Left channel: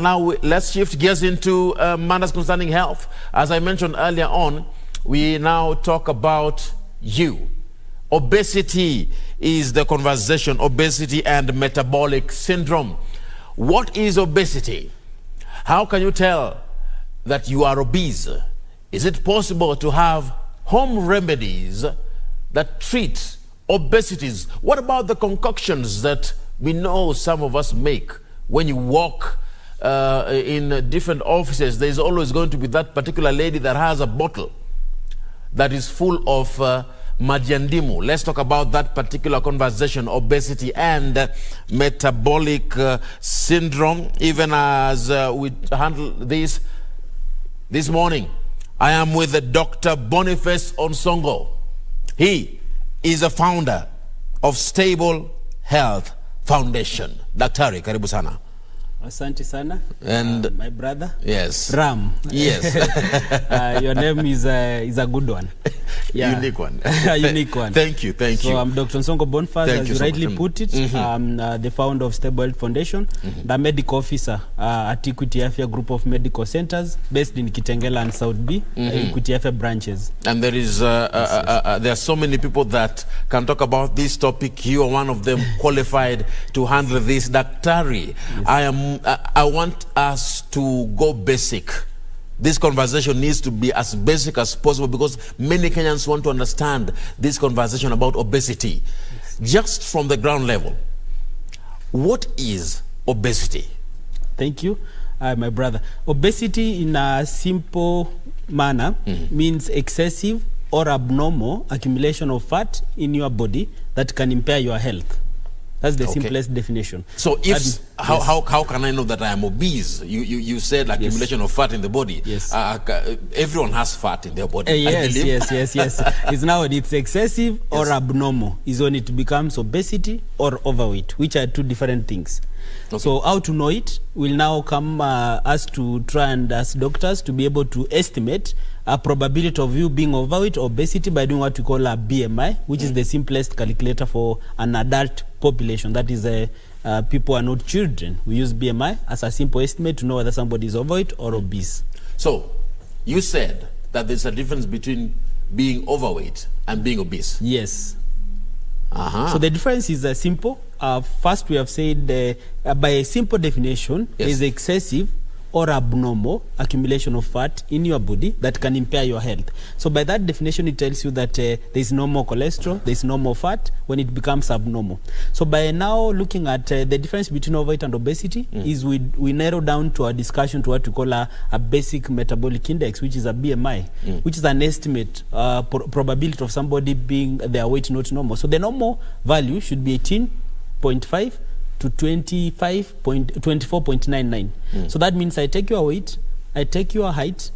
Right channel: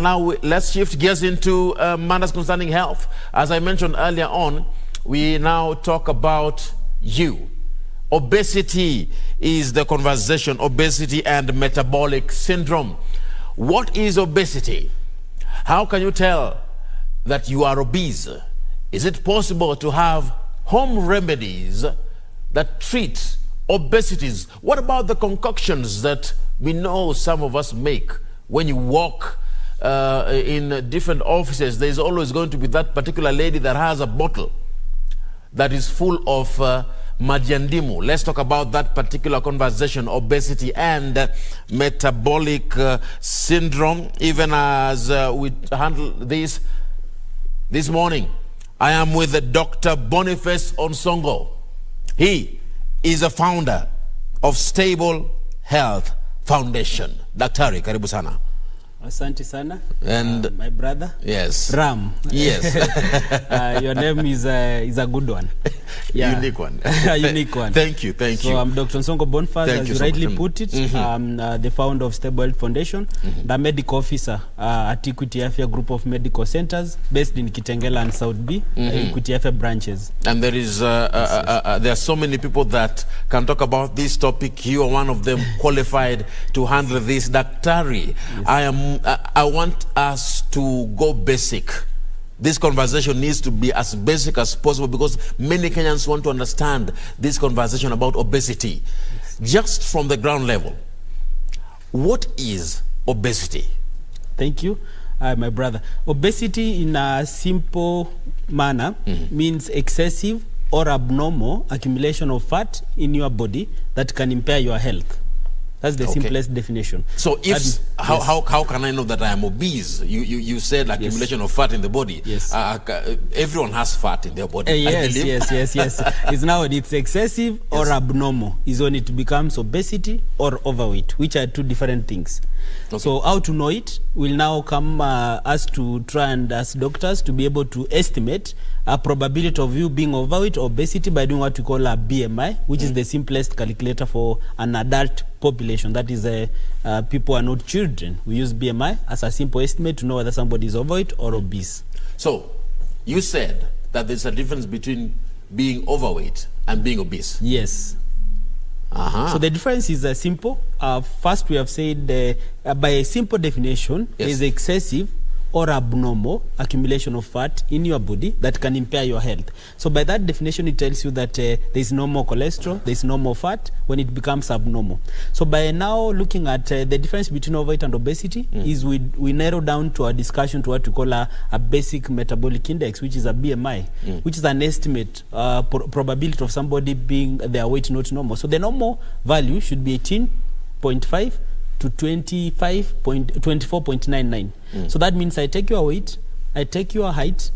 Now let's shift gears into matters concerning health. As I mentioned earlier on, we now talk about you. Obesity is the conversation, obesity and metabolic syndrome. What is obesity? How can you tell that you are obese? Is it possible to have home remedies that treat obesities? What about the concoctions that we know some of us make? When you walk in different offices, there's always going to be that particular lady that has a bottle that is full of majiandimu. Let's talk about that particular conversation, obesity and metabolic syndrome. Even as we handle this morning, I am with Dr. Boniface Onsongo. He is a founder of Stable Health Foundation. Daktari, karibu sana. Asante sana. And my brother. Yes. Ram. Yes. Your name is a good one. Yeah. Unique one. Unique one. Thank you. So I'm Dr. Onsongo Boniface, as you rightly put it. I'm the founder of Stable Health Foundation, the medical officer at Equity Afya Group of Medical Centers based in Kitengela and South B, Equity Afya branches. And there is there are so many people that can talk about this topic. You are one of them qualified to handle this. Daktari, yes. I want us to go basic. This conversation needs to be as basic as possible because many Kenyans want to understand this conversation about obesity. Yes. Just from the ground level, what is obesity? Thank you, my brother. Obesity in a simple manner means excessive or abnormal accumulation of fat in your body that can impair your health. That's the simplest definition. So if how can I know that I am obese? You said accumulation of fat in the body. Yes. Everyone has fat in their body. Yes. It's now it's excessive or abnormal is when it becomes obesity or overweight, which are two different things. Okay. So how to know it will now come us to try and as doctors to be able to estimate a probability of you being overweight or obesity by doing what we call a BMI, which is the simplest calculator for an adult population. That is, people are not children. We use BMI as a simple estimate to know whether somebody is overweight or obese. So, you said that there's a difference between being overweight and being obese. Yes. So the difference is simple. First, we have said by a simple definition, is excessive or abnormal accumulation of fat in your body that can impair your health. So by that definition, it tells you that there is no more cholesterol, there is no more fat when it becomes abnormal. So by now looking at the difference between overweight and obesity is we narrow down to our discussion to what we call a basic metabolic index, which is a BMI, which is an estimate probability of somebody being their weight not normal. So the normal value should be 18.5 to 24.99. So that means I take your weight, I take your height.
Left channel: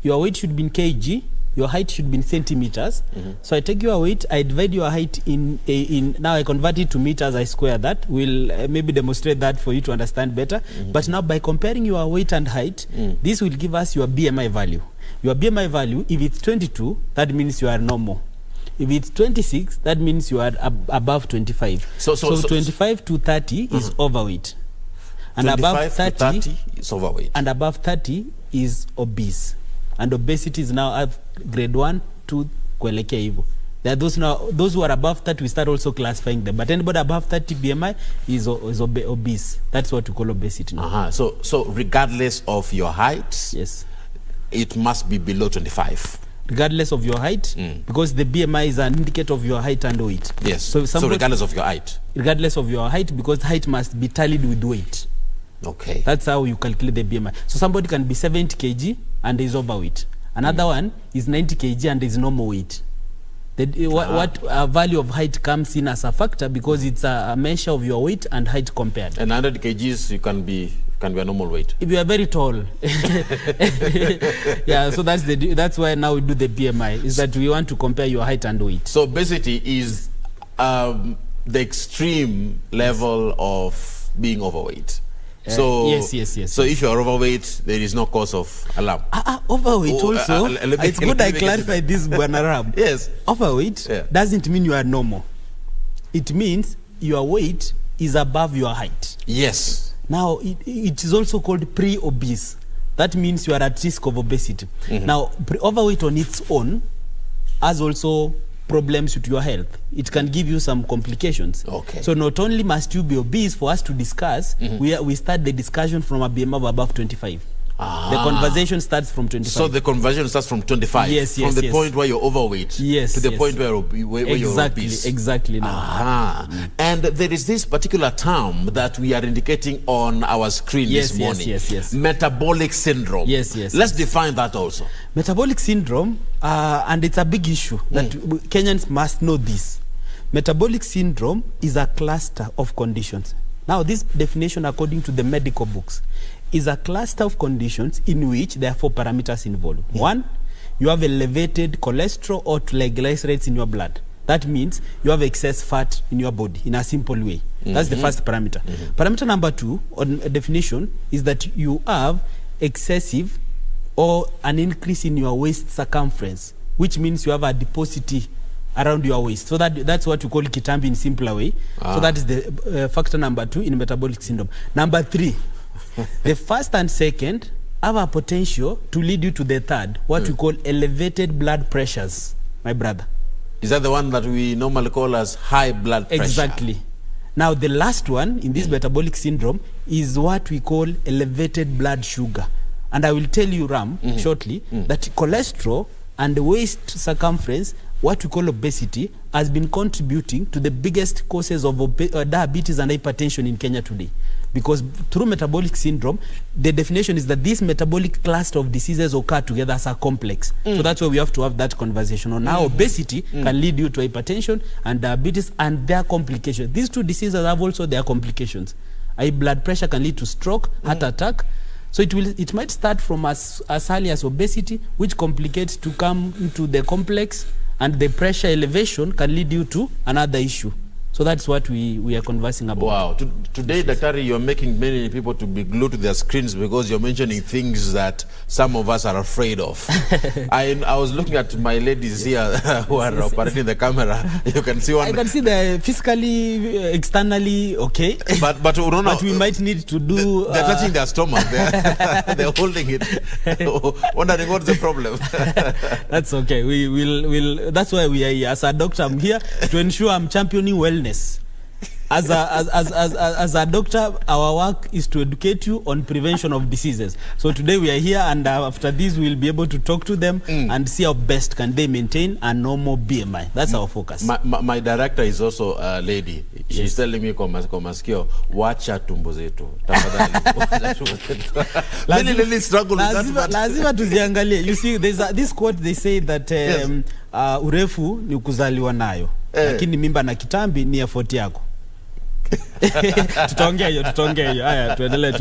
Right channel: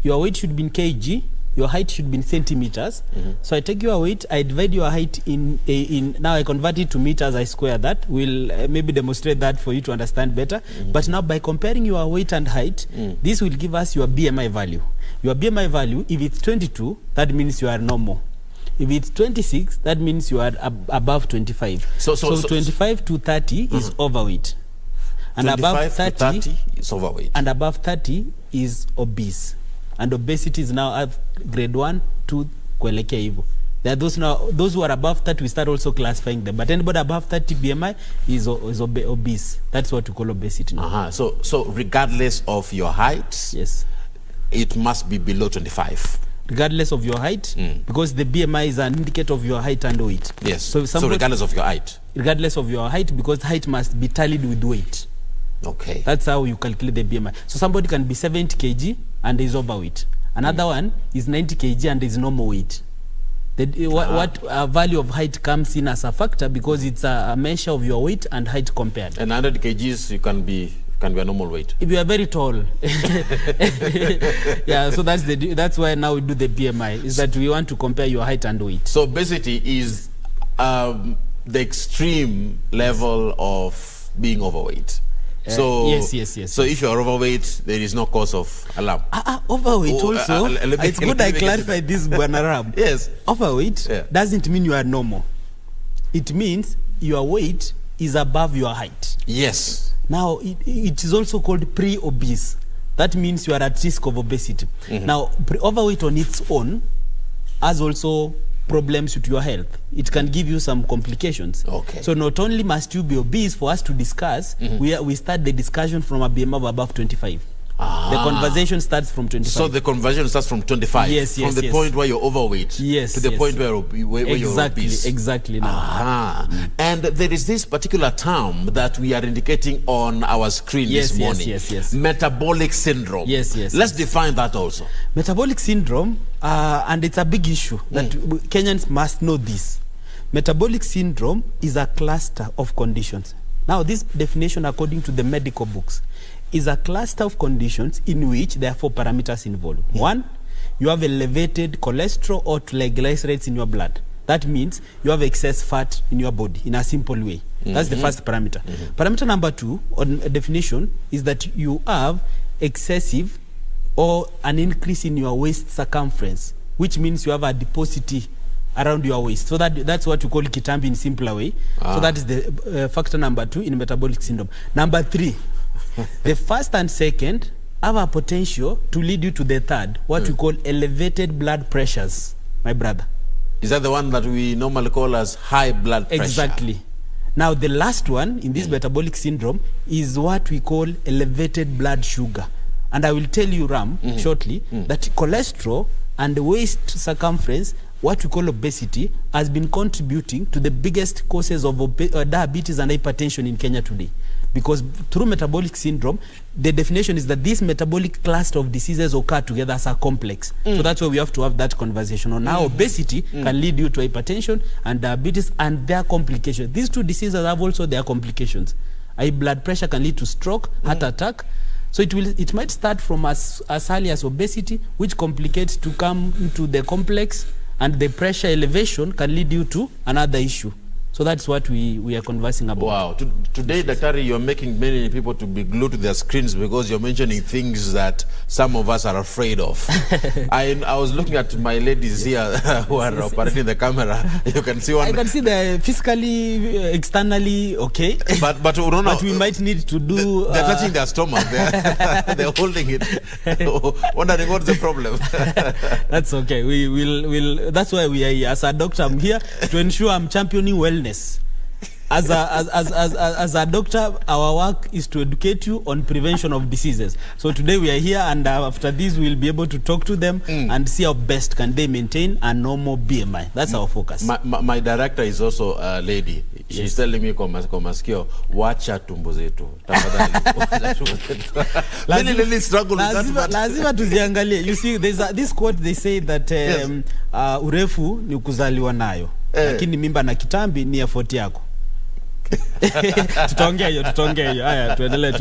Your weight should be in kg, your height should be in centimeters. So I take your weight, I divide your height in now I convert it to meters, I square that. We'll maybe demonstrate that for you to understand better. But now by comparing your weight and height, this will give us your BMI value. Your BMI value, if it's 22, that means you are normal. If it's 26, that means you are above 25. So 25 to 30 is overweight. And above 30 is overweight. And above 30 is obese. And obesity is now at grade 1, 2, kuelekea hivyo. There are those who are above 30, we start also classifying them. But anybody above 30 BMI is obese. That's what we call obesity now. So regardless of your height, yes, it must be below 25. Regardless of your height, because the BMI is an indicator of your height and weight. Yes. So regardless of your height. Regardless of your height, because height must be tallied with weight. Okay. That's how you calculate the BMI. So somebody can be 70 kg and is overweight. Another one is 90 kg and is normal weight. What value of height comes in as a factor because it's a measure of your weight and height compared. And 100 kgs you can be a normal weight. If you are very tall. Yeah, so that's why now we do the BMI, is that we want to compare your height and weight. So obesity is the extreme level of being overweight. So yes. So if you are overweight, there is no cause of alarm. Overweight also. It's good I clarify this, Buanaram. Yes. Overweight doesn't mean you are normal. It means your weight is above your height. Yes. Now, it is also called pre-obese. That means you are at risk of obesity. Now, overweight on its own has also problems with your health. It can give you some complications. Okay. So not only must you be obese for us to discuss, we start the discussion from a BMI of above 25. The conversation starts from 25. So the conversation starts from 25? Yes, From the point where you're overweight to the point where you're obese? Exactly. Now. And there is this particular term that we are indicating on our screen this morning. Yes. Metabolic syndrome. Yes. Let's define that also. Metabolic syndrome, and it's a big issue that Kenyans must know this. Metabolic syndrome is a cluster of conditions. Now, this definition, according to the medical books, is a cluster of conditions in which there are 4 parameters involved. One, you have elevated cholesterol or triglycerides in your blood. That means you have excess fat in your body in a simple way. That's the first parameter. Parameter number 2 on a definition is that you have excessive or an increase in your waist circumference, which means you have adiposity around your waist. So that's what we call kitambi in simpler way. So that is the factor number 2 in metabolic syndrome. Number 3, the first and second have a potential to lead you to the third, what we call elevated blood pressures, my brother. Is that the one that we normally call as high blood pressure? Exactly. Now, the last one in this metabolic syndrome is what we call elevated blood sugar. And I will tell you, Ram, shortly, that cholesterol and the waist circumference, what we call obesity, has been contributing to the biggest causes of diabetes and hypertension in Kenya today. Because through metabolic syndrome, the definition is that this metabolic cluster of diseases occur together as a complex. So that's why we have to have that conversation on how obesity can lead you to hypertension and diabetes and their complications. These 2 diseases have also their complications. High blood pressure can lead to stroke, heart attack. So it might start from as early as obesity, which complicates to come into the complex, and the pressure elevation can lead you to another issue. So that's what we are conversing about. Wow. Today, Daktari, you're making many people to be glued to their screens because you're mentioning things that some of us are afraid of. I was looking at my ladies here who are operating the camera. You can see one. I can see they're physically, externally okay. But we might need to do... They're touching their stomach. They're holding it. Wondering what's the problem. That's okay. That's why we are here. As a doctor, I'm here to ensure I'm championing wellness. As a doctor, our work is to educate you on prevention of diseases. So today we are here, and after this we'll be able to talk to them and see how best can they maintain a normal BMI. That's our focus. My director is also a lady. She's telling me, Komaskio, wacha tumbo zetu. Many ladies struggle with that. Lazima tuziangalie. You see, there's this quote, they say that urefu ni kuzaliwa nayo. Lakini mimba na kitambi ni effort yako. Tutaongea hiyo. Haya, tuendelee.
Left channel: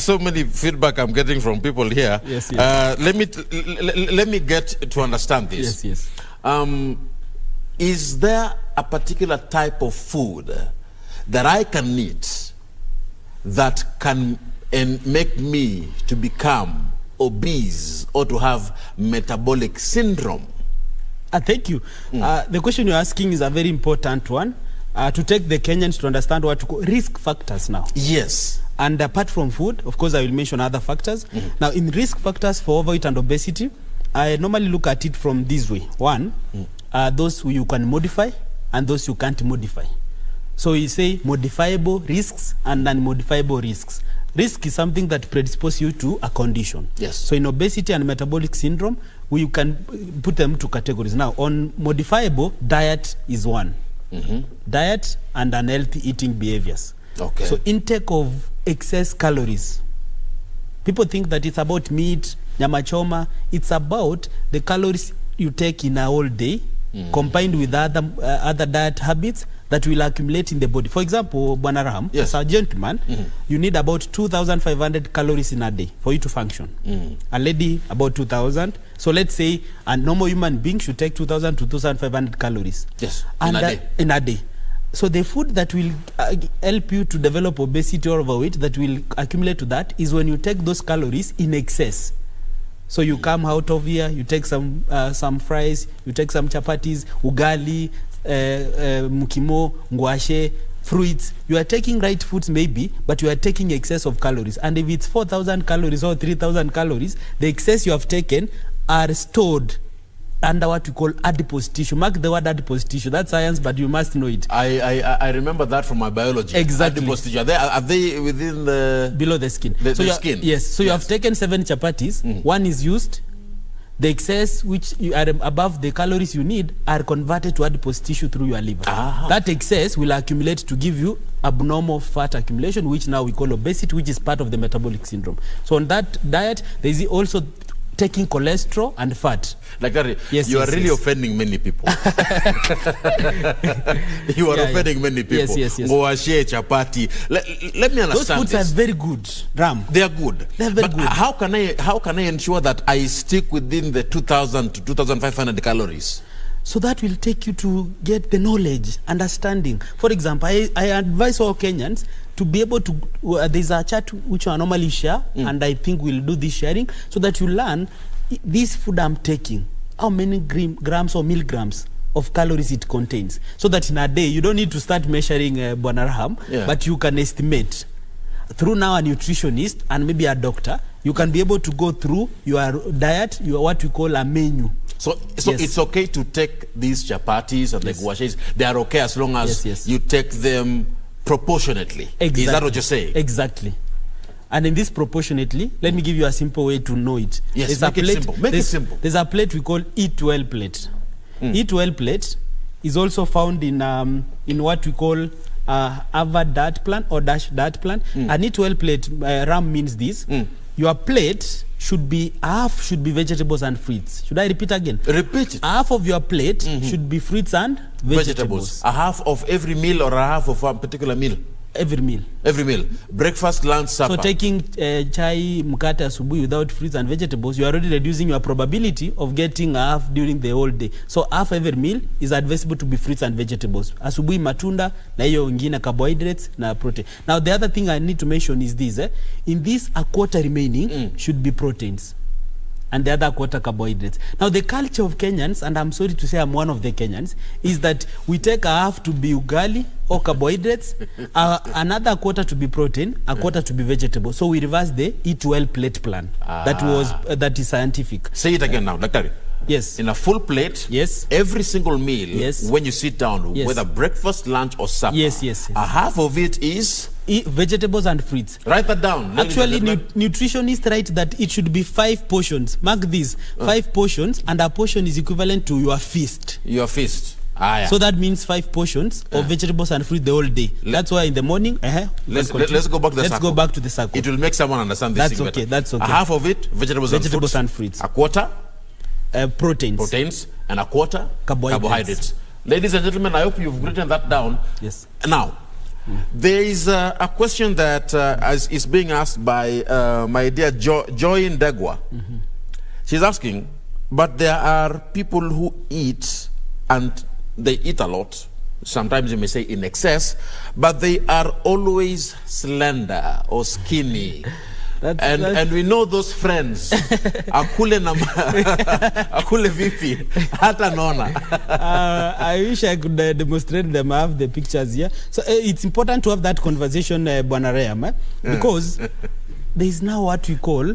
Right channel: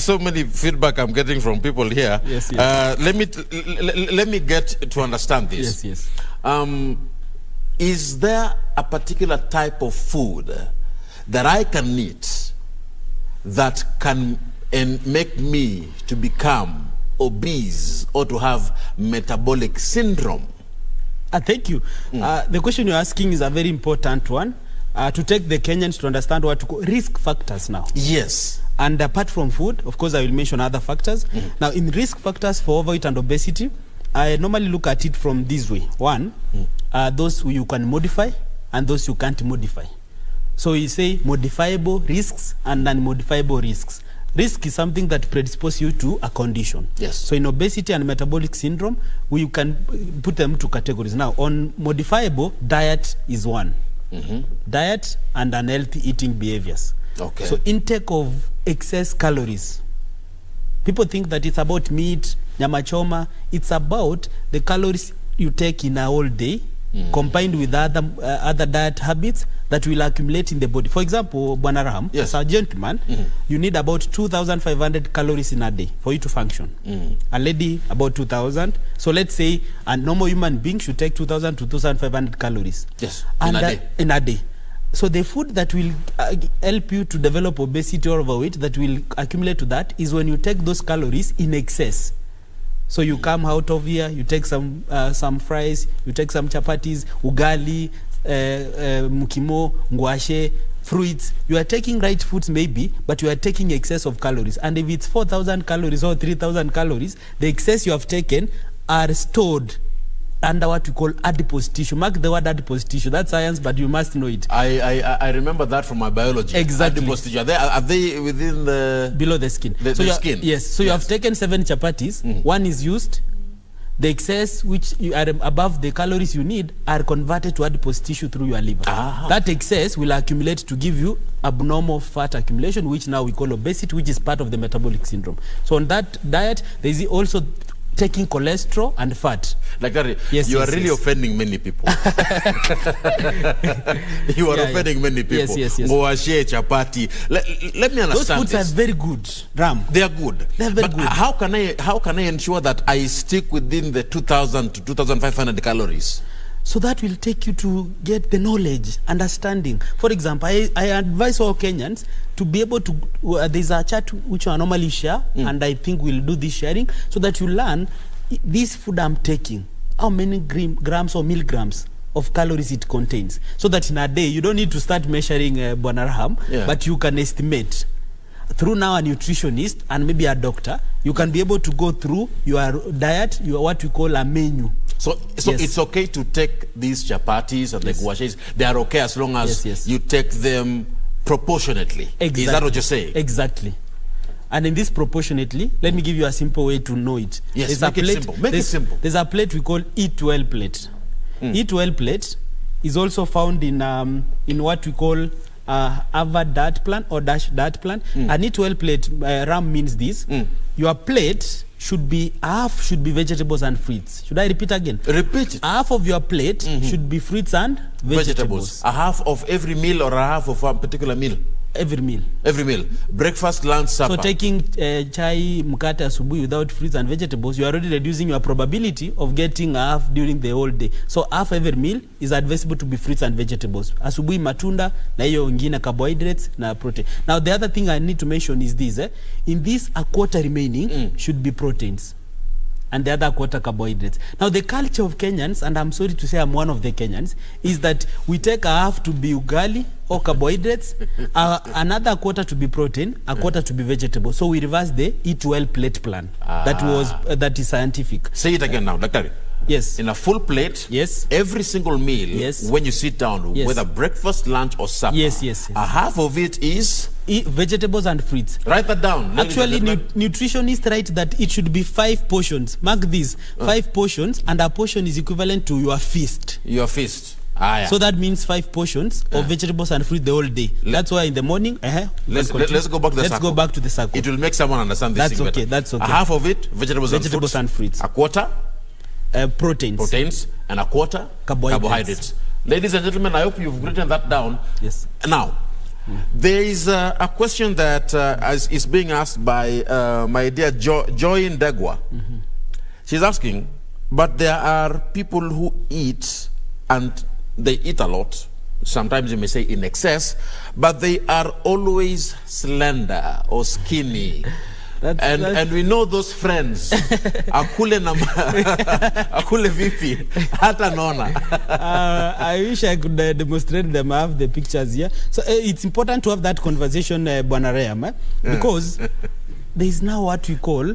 So many feedback I'm getting from people here. Yes. Let me get to understand this. Yes. Is there a particular type of food that I can eat that can make me to become obese or to have metabolic syndrome? Thank you. The question you're asking is a very important one to take the Kenyans to understand what to call risk factors now. Yes. And apart from food, of course, I will mention other factors. Now, in risk factors for overweight and obesity, I normally look at it from this way. One, those who you can modify and those you can't modify. So you say modifiable risks and non-modifiable risks. Risk is something that predisposes you to a condition. Yes. So in obesity and metabolic syndrome, we can put them to categories. Now, on modifiable, diet is one. Diet and unhealthy eating behaviors. Okay. So intake of excess calories. People think that it's about meat, nyama choma. It's about the calories you take in a whole day, combined with other diet habits that will accumulate in the body. For example, Bwana Raham, as a gentleman, you need about 2,500 calories in a day for you to function. A lady, about 2,000. So let's say a normal human being should take 2,000 to 2,500 calories. Yes, in a day. So the food that will help you to develop obesity or overweight that will accumulate to that is when you take those calories in excess. So you come out of here, you take some fries, you take some chapatis, ugali, mukimo, ngwashe, fruits, you are taking right foods maybe, but you are taking excess of calories. And if it's 4,000 calories or 3,000 calories, the excess you have taken are stored under what we call adipose tissue. Mark the word adipose tissue. That's science, but you must know it. I remember that from my biology. Exactly. Adipose tissue. Are they within the... Below the skin. The skin? Yes. So you have taken 7 chapatis. One is used. The excess, which you are above the calories you need, are converted to adipose tissue through your liver. That excess will accumulate to give you abnormal fat accumulation, which now we call obesity, which is part of the metabolic syndrome. So on that diet, there is also taking cholesterol and fat. Like that, you are really offending many people. You are offending many people. Yes. Chapati. Let me understand. Those foods are very good, Ram. They are good. They are very good. How can I ensure that I stick within the 2,000 to 2,500 calories? So that will take you to get the knowledge, understanding. For example, I advise all Kenyans to be able to, there's a chart which I normally share, and I think we'll do this sharing, so that you learn this food I'm taking, how many grams or milligrams of calories it contains. So that in a day, you don't need to start measuring Bonarham, but you can estimate. Through now a nutritionist and maybe a doctor, you can be able to go through your diet, what we call a menu. So it's okay to take these chapatis and the guashis. They are okay as long as you take them proportionately. Exactly. Is that what you're saying? Exactly. And in this proportionately, let me give you a simple way to know it. Yes, make it simple. Make it simple. There's a plate we call Eat Well plate. Eat Well plate is also found in what we call Harvard diet plan or Dash diet plan. An Eat Well plate, RAM means this. Your plate should be vegetables and fruits. Should I repeat again? Repeat it. Half of your plate should be fruits and vegetables. A half of every meal or a half of a particular meal? Every meal. Every meal. Breakfast, lunch, supper. So taking chai, mkate, asubuhi without fruits and vegetables, you are already reducing your probability of getting half during the whole day. So half every meal is advisable to be fruits and vegetables. Asubuhi matunda, na hiyo ingine carbohydrates, na protein. Now the other thing I need to mention is this. In this, a quarter remaining should be proteins. And the other quarter carbohydrates. Now the culture of Kenyans, and I'm sorry to say I'm one of the Kenyans, is that we take a half to be ugali or carbohydrates, another quarter to be protein, a quarter to be vegetable. So we reverse the Eat Well plate plan. That is scientific. Say it again now, Doctor. Yes. In a full plate, every single meal, when you sit down, whether breakfast, lunch, or supper, a half of it is vegetables and fruits. Write that down. Actually, nutritionists write that it should be 5 portions. Mark these 5 portions, and a portion is equivalent to your feast. Your feast. So that means 5 portions of vegetables and fruit the whole day. That's why in the morning, let's go back to the circle. Let's go back to the circle. It will make someone understand this thing better. That's okay. A half of it, vegetables and fruits. A quarter, proteins, and a quarter, carbohydrates. Ladies and gentlemen, I hope you've written that down. Yes. Now, there is a question that is being asked by my dear Joy Ndegwa. She's asking, but there are people who eat, and they eat a lot. Sometimes you may say in excess, but they are always slender or skinny. And we know those friends. Akule vipi, hata nona. I wish I could demonstrate them. I have the pictures here. So it's important to have that conversation, Bwana Reham, because there is now what we call,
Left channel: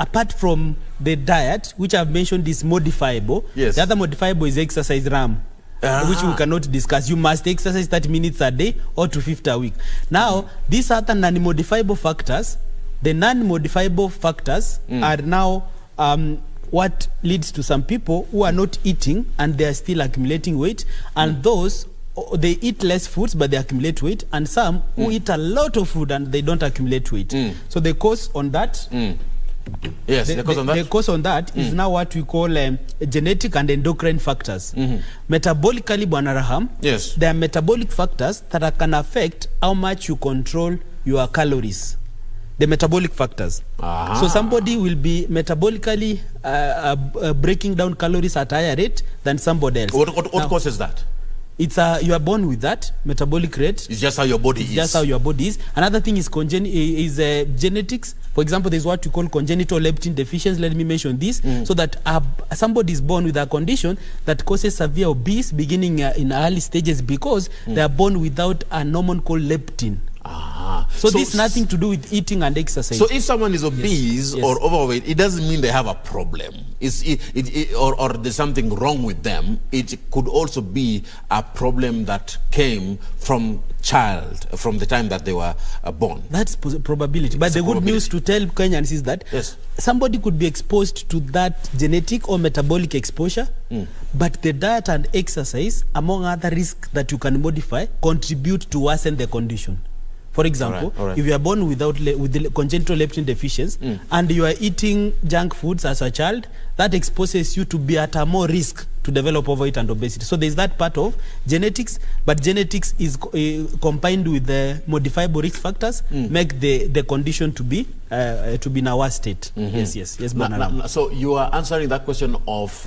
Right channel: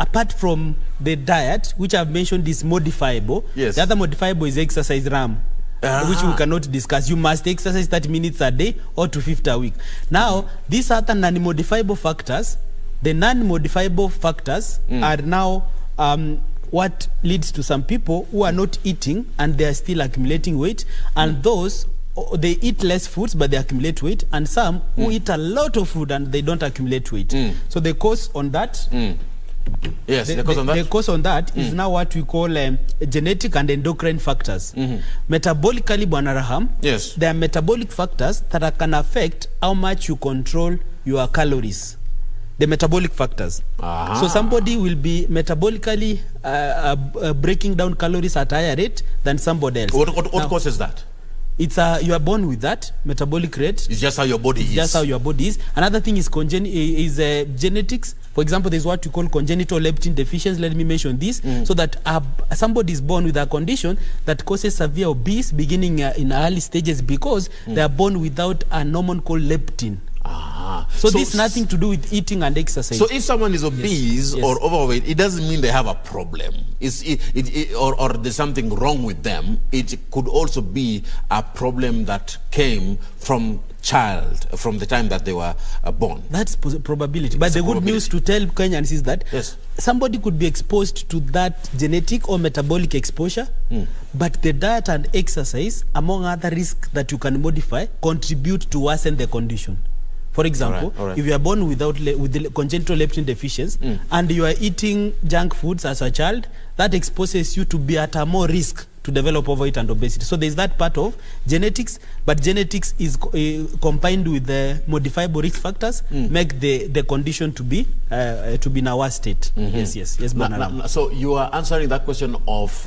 apart from the diet, which I've mentioned is modifiable. The other modifiable is exercise, RAM. Which we cannot discuss. You must exercise 30 minutes a day or 250 a week. Now, these are the non-modifiable factors. The non-modifiable factors are now what leads to some people who are not eating and they are still accumulating weight, and those, they eat less foods but they accumulate weight, and some who eat a lot of food and they don't accumulate weight. So the cause on that the cause on that is now what we call genetic and endocrine factors. Metabolically, Bwana Raham, there are metabolic factors that can affect how much you control your calories. The metabolic factors. So somebody will be metabolically breaking down calories at a higher rate than somebody else. What causes that? It's you are born with that metabolic rate. It's just how your body is. Just how your body is. Another thing is genetics. For example, there's what we call congenital leptin deficiency. Let me mention this, so that somebody is born with a condition that causes severe obese beginning in early stages because they are born without an hormone called leptin. So this nothing to do with eating and exercise. So if someone is obese or overweight, it doesn't mean they have a problem. Or there's something wrong with them. It could also be a problem that came from the time that they were born. That's probability. But the good news to tell Kenyans is that somebody could be exposed to that genetic or metabolic exposure, but the diet and exercise, among other risks that you can modify, contribute to worsen the condition. For example, if you are born with the congenital leptin deficiency and you are eating junk foods as a child, that exposes you to be at a more risk to develop overweight and obesity. So there's that part of genetics, but genetics is combined with the modifiable risk factors, make the condition to be in a worse state. Yes. So you are answering that question of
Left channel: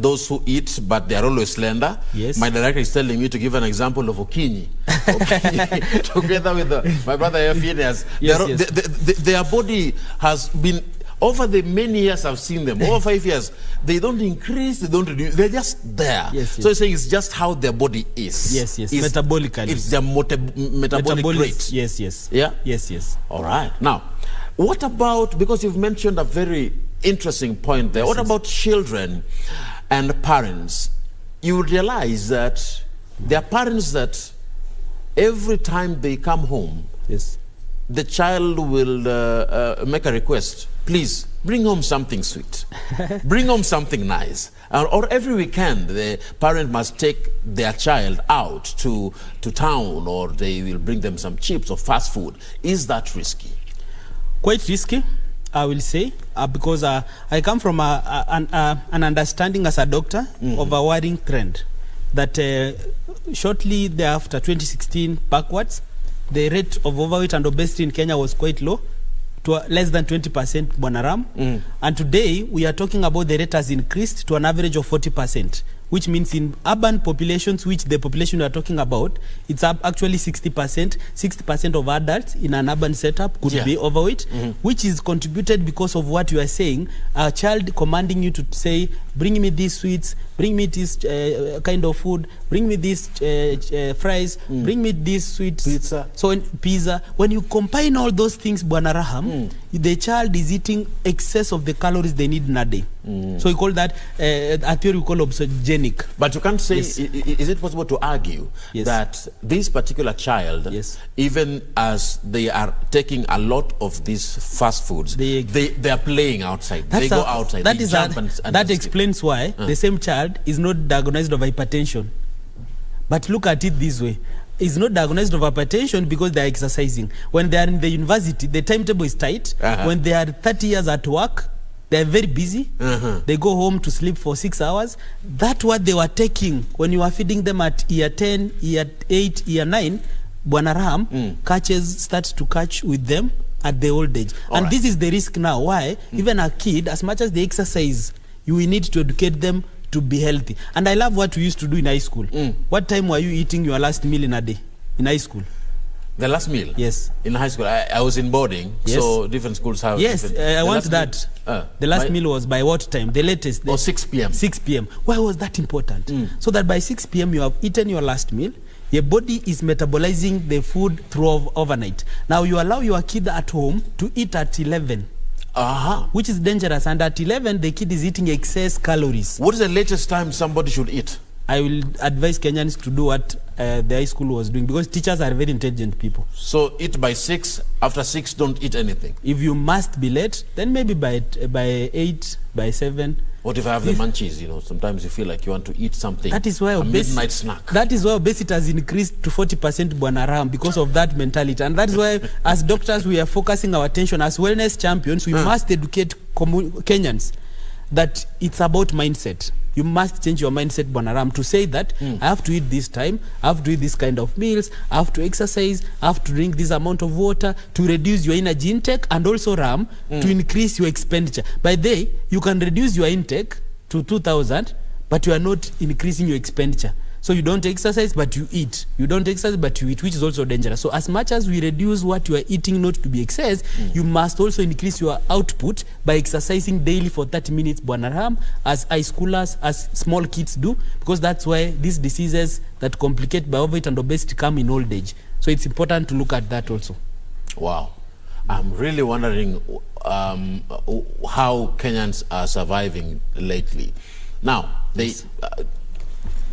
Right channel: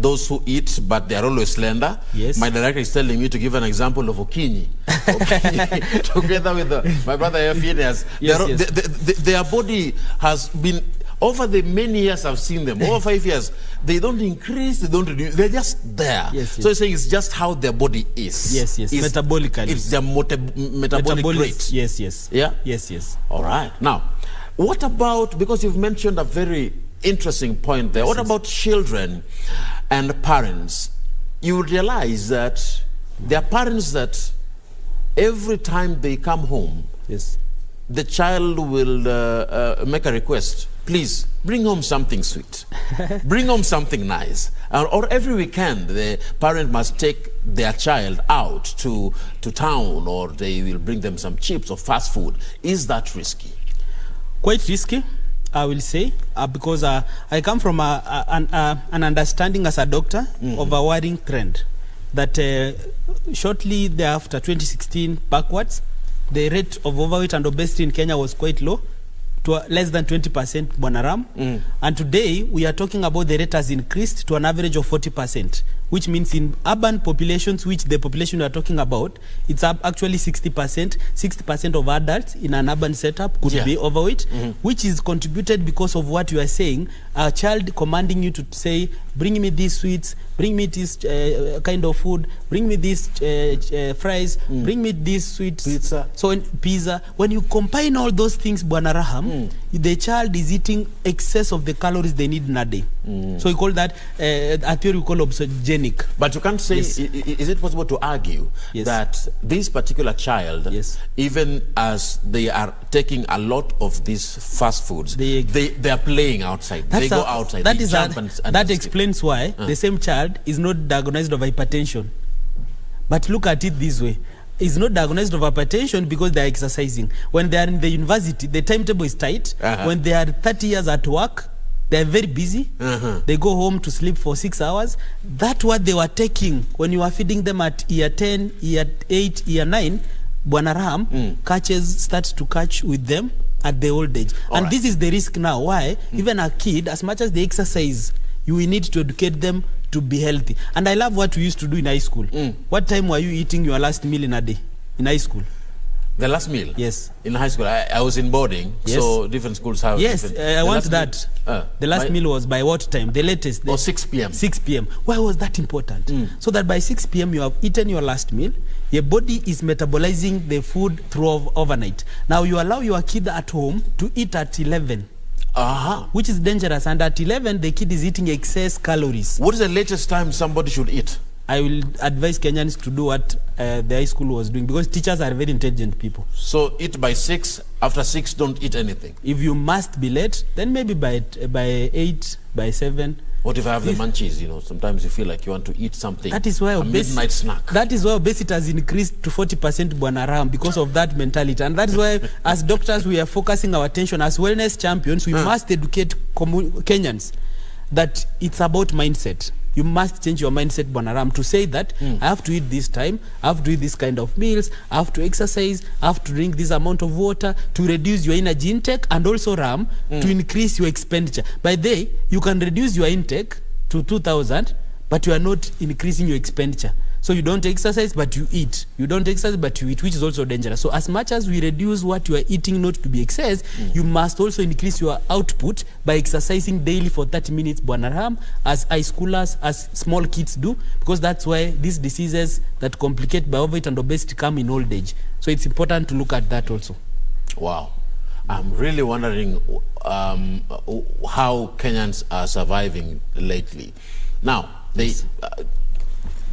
those who eat, but they are always slender. Yes. My director is telling me to give an example of Okinyi. Together with my brother Phineas. Their body has been, over the many years I've seen them, over 5 years, they don't increase, they don't reduce, they're just there. So you're saying it's just how their body is. Yes. Metabolically. It's their metabolic rate. Yes. Yeah? Yes. All right. Now, what about, because you've mentioned a very interesting point there, what about children and parents? You would realize that there are parents that every time they come home, the child will make a request. Please, bring home something sweet. Bring home something nice. Or every weekend, the parent must take their child out to town, or they will bring them some chips or fast food. Is that risky? Quite risky, I will say, because I come from an understanding as a doctor of a worrying trend that shortly thereafter, 2016 backwards, the rate of overweight and obesity in Kenya was quite low, to less than 20%, Bwanaram. And today, we are talking about the rate has increased to an average of 40%, which means in urban populations, which the population we are talking about, it's actually 60%. 60% of adults in an urban setup could be overweight, which is contributed because of what you are saying, a child commanding you to say, bring me these sweets, bring me this kind of food, bring me these fries, bring me this sweet pizza. So pizza. When you combine all those things, Bwana Raham, the child is eating excess of the calories they need in a day. So we call that a theory we call obesogenic. But you can't say, is it possible to argue that this particular child, even as they are taking a lot of these fast foods, they are playing outside. They go outside. That explains why the same child is not diagnosed of hypertension. But look at it this way. Is not diagnosed of hypertension because they are exercising. When they are in the university, the timetable is tight. When they are 30 years at work, they are very busy. They go home to sleep for 6 hours. That's what they were taking when you were feeding them at year 10, year 8, year 9. Bwana Raham starts to catch with them at the old age. And this is the risk now. Why? Even a kid, as much as they exercise, you will need to educate them to be healthy. And I love what we used to do in high school. What time were you eating your last meal in a day in high school? The last meal? Yes. In high school, I was in boarding, so different schools have different... I want that. The last meal was by what time? The latest? 6 p.m. 6 p.m. Why was that important? So that by 6 p.m. you have eaten your last meal, your body is metabolizing the food through overnight. Now you allow your kid at home to eat at 11. Which is dangerous, and at 11 the kid is eating excess calories. What is the latest time somebody should eat? I will advise Kenyans to do what the high school was doing, because teachers are very intelligent people. So eat by 6, after 6 don't eat anything. If you must be late, then maybe by 8, by 7. What if I have the munchies? You know, sometimes you feel like you want to eat something. That is why midnight snack. That is why obesity has increased to 40%, Bwana Raham, because of that mentality. And that is why, as doctors, we are focusing our attention. As wellness champions, we must educate Kenyans that it's about mindset. You must change your mindset, Bwana Raham, to say that I have to eat this time, I have to eat this kind of meals, I have to exercise, I have to drink this amount of water to reduce your energy intake, and also, Ram, to increase your expenditure. By the way, you can reduce your intake to 2,000, but you are not increasing your expenditure. So you don't exercise, but you eat. You don't exercise, but you eat, which is also dangerous. So as much as we reduce what you are eating not to be excess, you must also increase your output by exercising daily for 30 minutes, Bwana Ram, as high schoolers, as small kids do, because that's why these diseases that complicate by overweight and obesity come in old age. So it's important to look at that also. Wow. I'm really wondering how Kenyans are surviving lately. Now,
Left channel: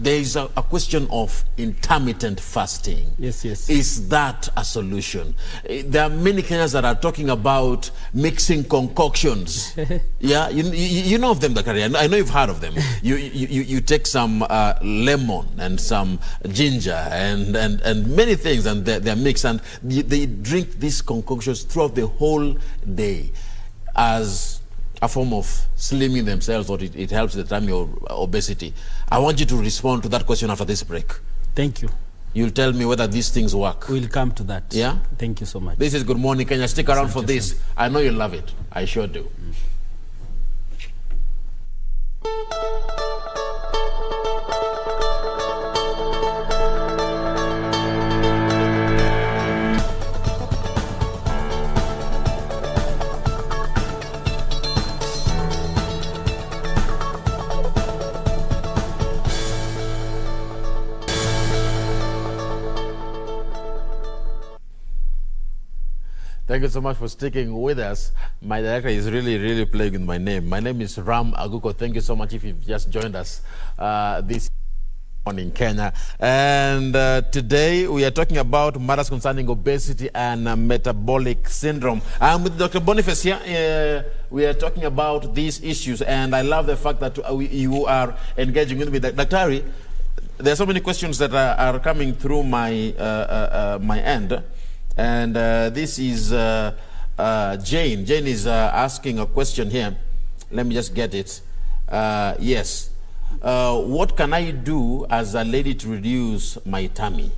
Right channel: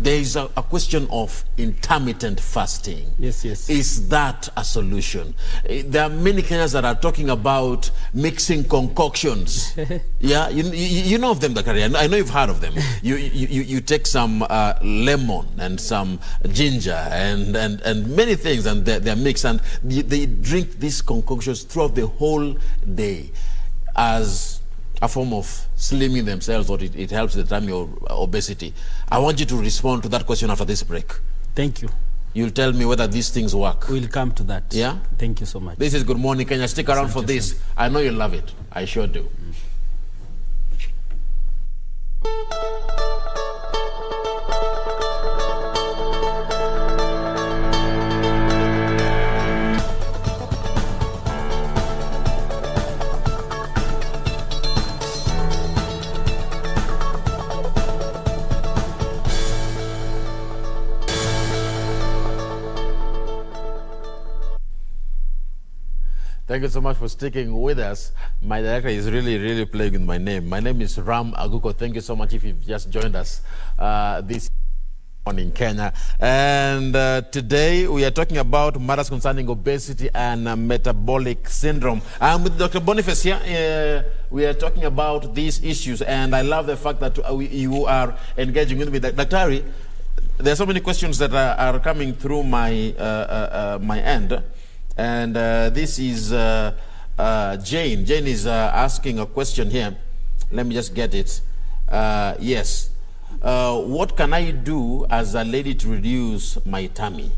there is a question of intermittent fasting. Yes, yes. Is that a solution? There are many Kenyans that are talking about mixing concoctions. Yeah, you know of them, Dakari. I know you've heard of them. You take some lemon and some ginger and many things, and they're mixed, and they drink these concoctions throughout the whole day as a form of slimming themselves, or it helps the time your obesity. I want you to respond to that question after this break. Thank you. You'll tell me whether these things work. We'll come to that. Yeah? Thank you so much. This is Good Morning Kenya. Stick around for this. I know you love it. I sure do. Thank you so much for sticking with us. My director is really playing with my name. My name is Ram Aguko. Thank you so much if you've just joined us this morning in Kenya. And today we are talking about matters concerning obesity and metabolic syndrome. I'm with Dr. Boniface here. We are talking about these issues, and I love the fact that you are engaging with me. Dr. There are so many questions that are coming through my my end. And this is Jane. Jane is asking a question here. Let me just get it. Yes. What can I do as a lady to reduce my tummy?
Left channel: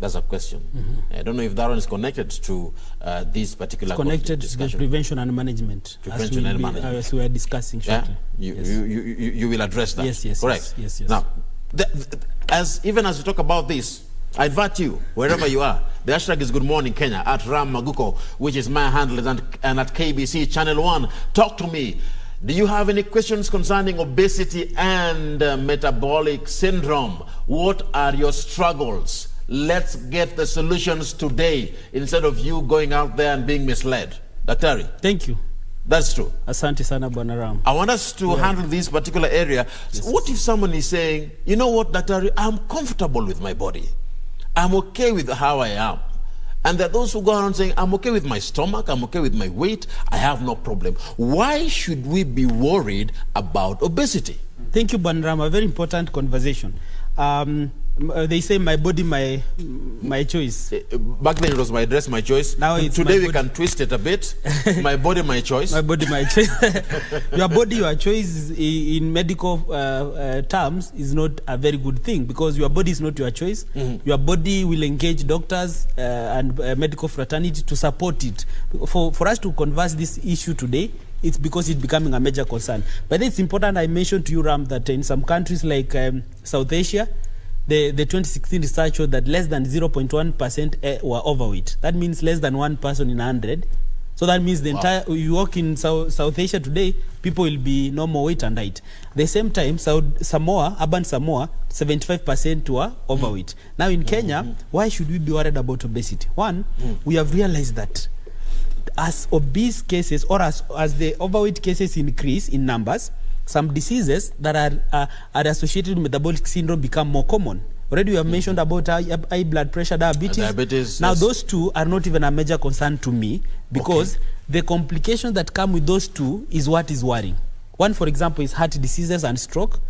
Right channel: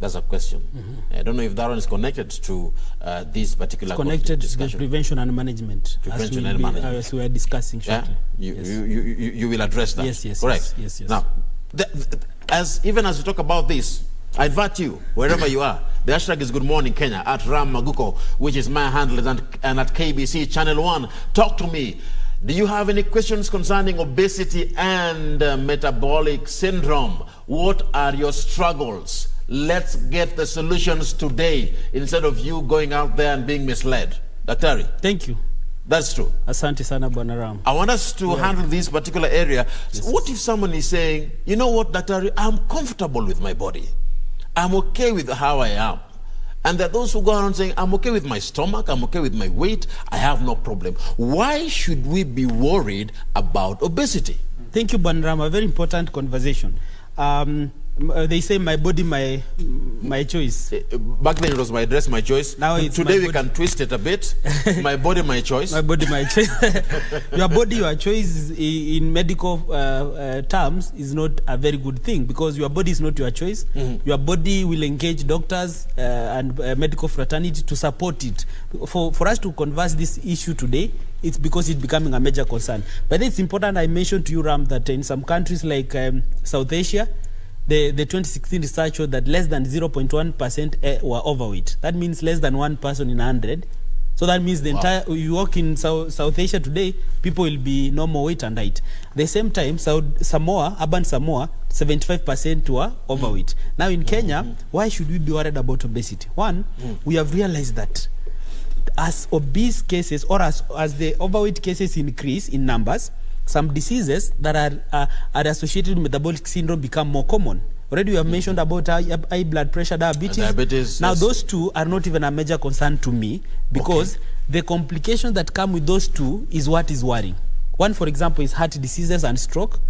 That's a question. I don't know if that one is connected to this particular discussion. Connected to prevention and management. Prevention and management. As we are discussing shortly. Yeah? You will address that. Yes, yes. Correct. Yes. Now, even as we talk about this, I invite you, wherever you are. The hashtag is Good Morning Kenya, at Ram Aguko, which is my handle, and at KBC Channel 1. Talk to me. Do you have any questions concerning obesity and metabolic syndrome? What are your struggles? Let's get the solutions today instead of you going out there and being misled. Daktari. Thank you. That's true. Asante sana Bwana Ram. I want us to handle this particular area. Yes. What if someone is saying, you know what, Daktari, I'm comfortable with my body. I'm okay with how I am. And there are those who go around saying, I'm okay with my stomach, I'm okay with my weight, I have no problem. Why should we be worried about obesity? Thank you, Bwana Ram. A very important conversation. They say my body, my choice. Back then it was my dress, my choice. Now it's today we can twist it a bit. My body, my choice. My body, my choice. Your body, your choice in medical terms is not a very good thing, because your body is not your choice. Your body will engage doctors and medical fraternity to support it. For us to converse this issue today, it's because it's becoming a major concern. But it's important, I mentioned to you, Ram, that in some countries like South Asia, the 2016 research showed that less than 0.1% were overweight. That means less than 1 person in 100. So that means the entire, you walk in South Asia today, people will be normal weight and height. At the same time, Samoa, urban Samoa, 75% were overweight. Now in Kenya, why should we be worried about obesity? One, we have realized that as obese cases, or as the overweight cases increase in numbers, some diseases that are associated with metabolic syndrome become more common. Already we have mentioned about high blood pressure, diabetes. Now those two are not even a major concern to me, because the complications that come with those two is what is worrying. One, for example, is heart diseases and stroke.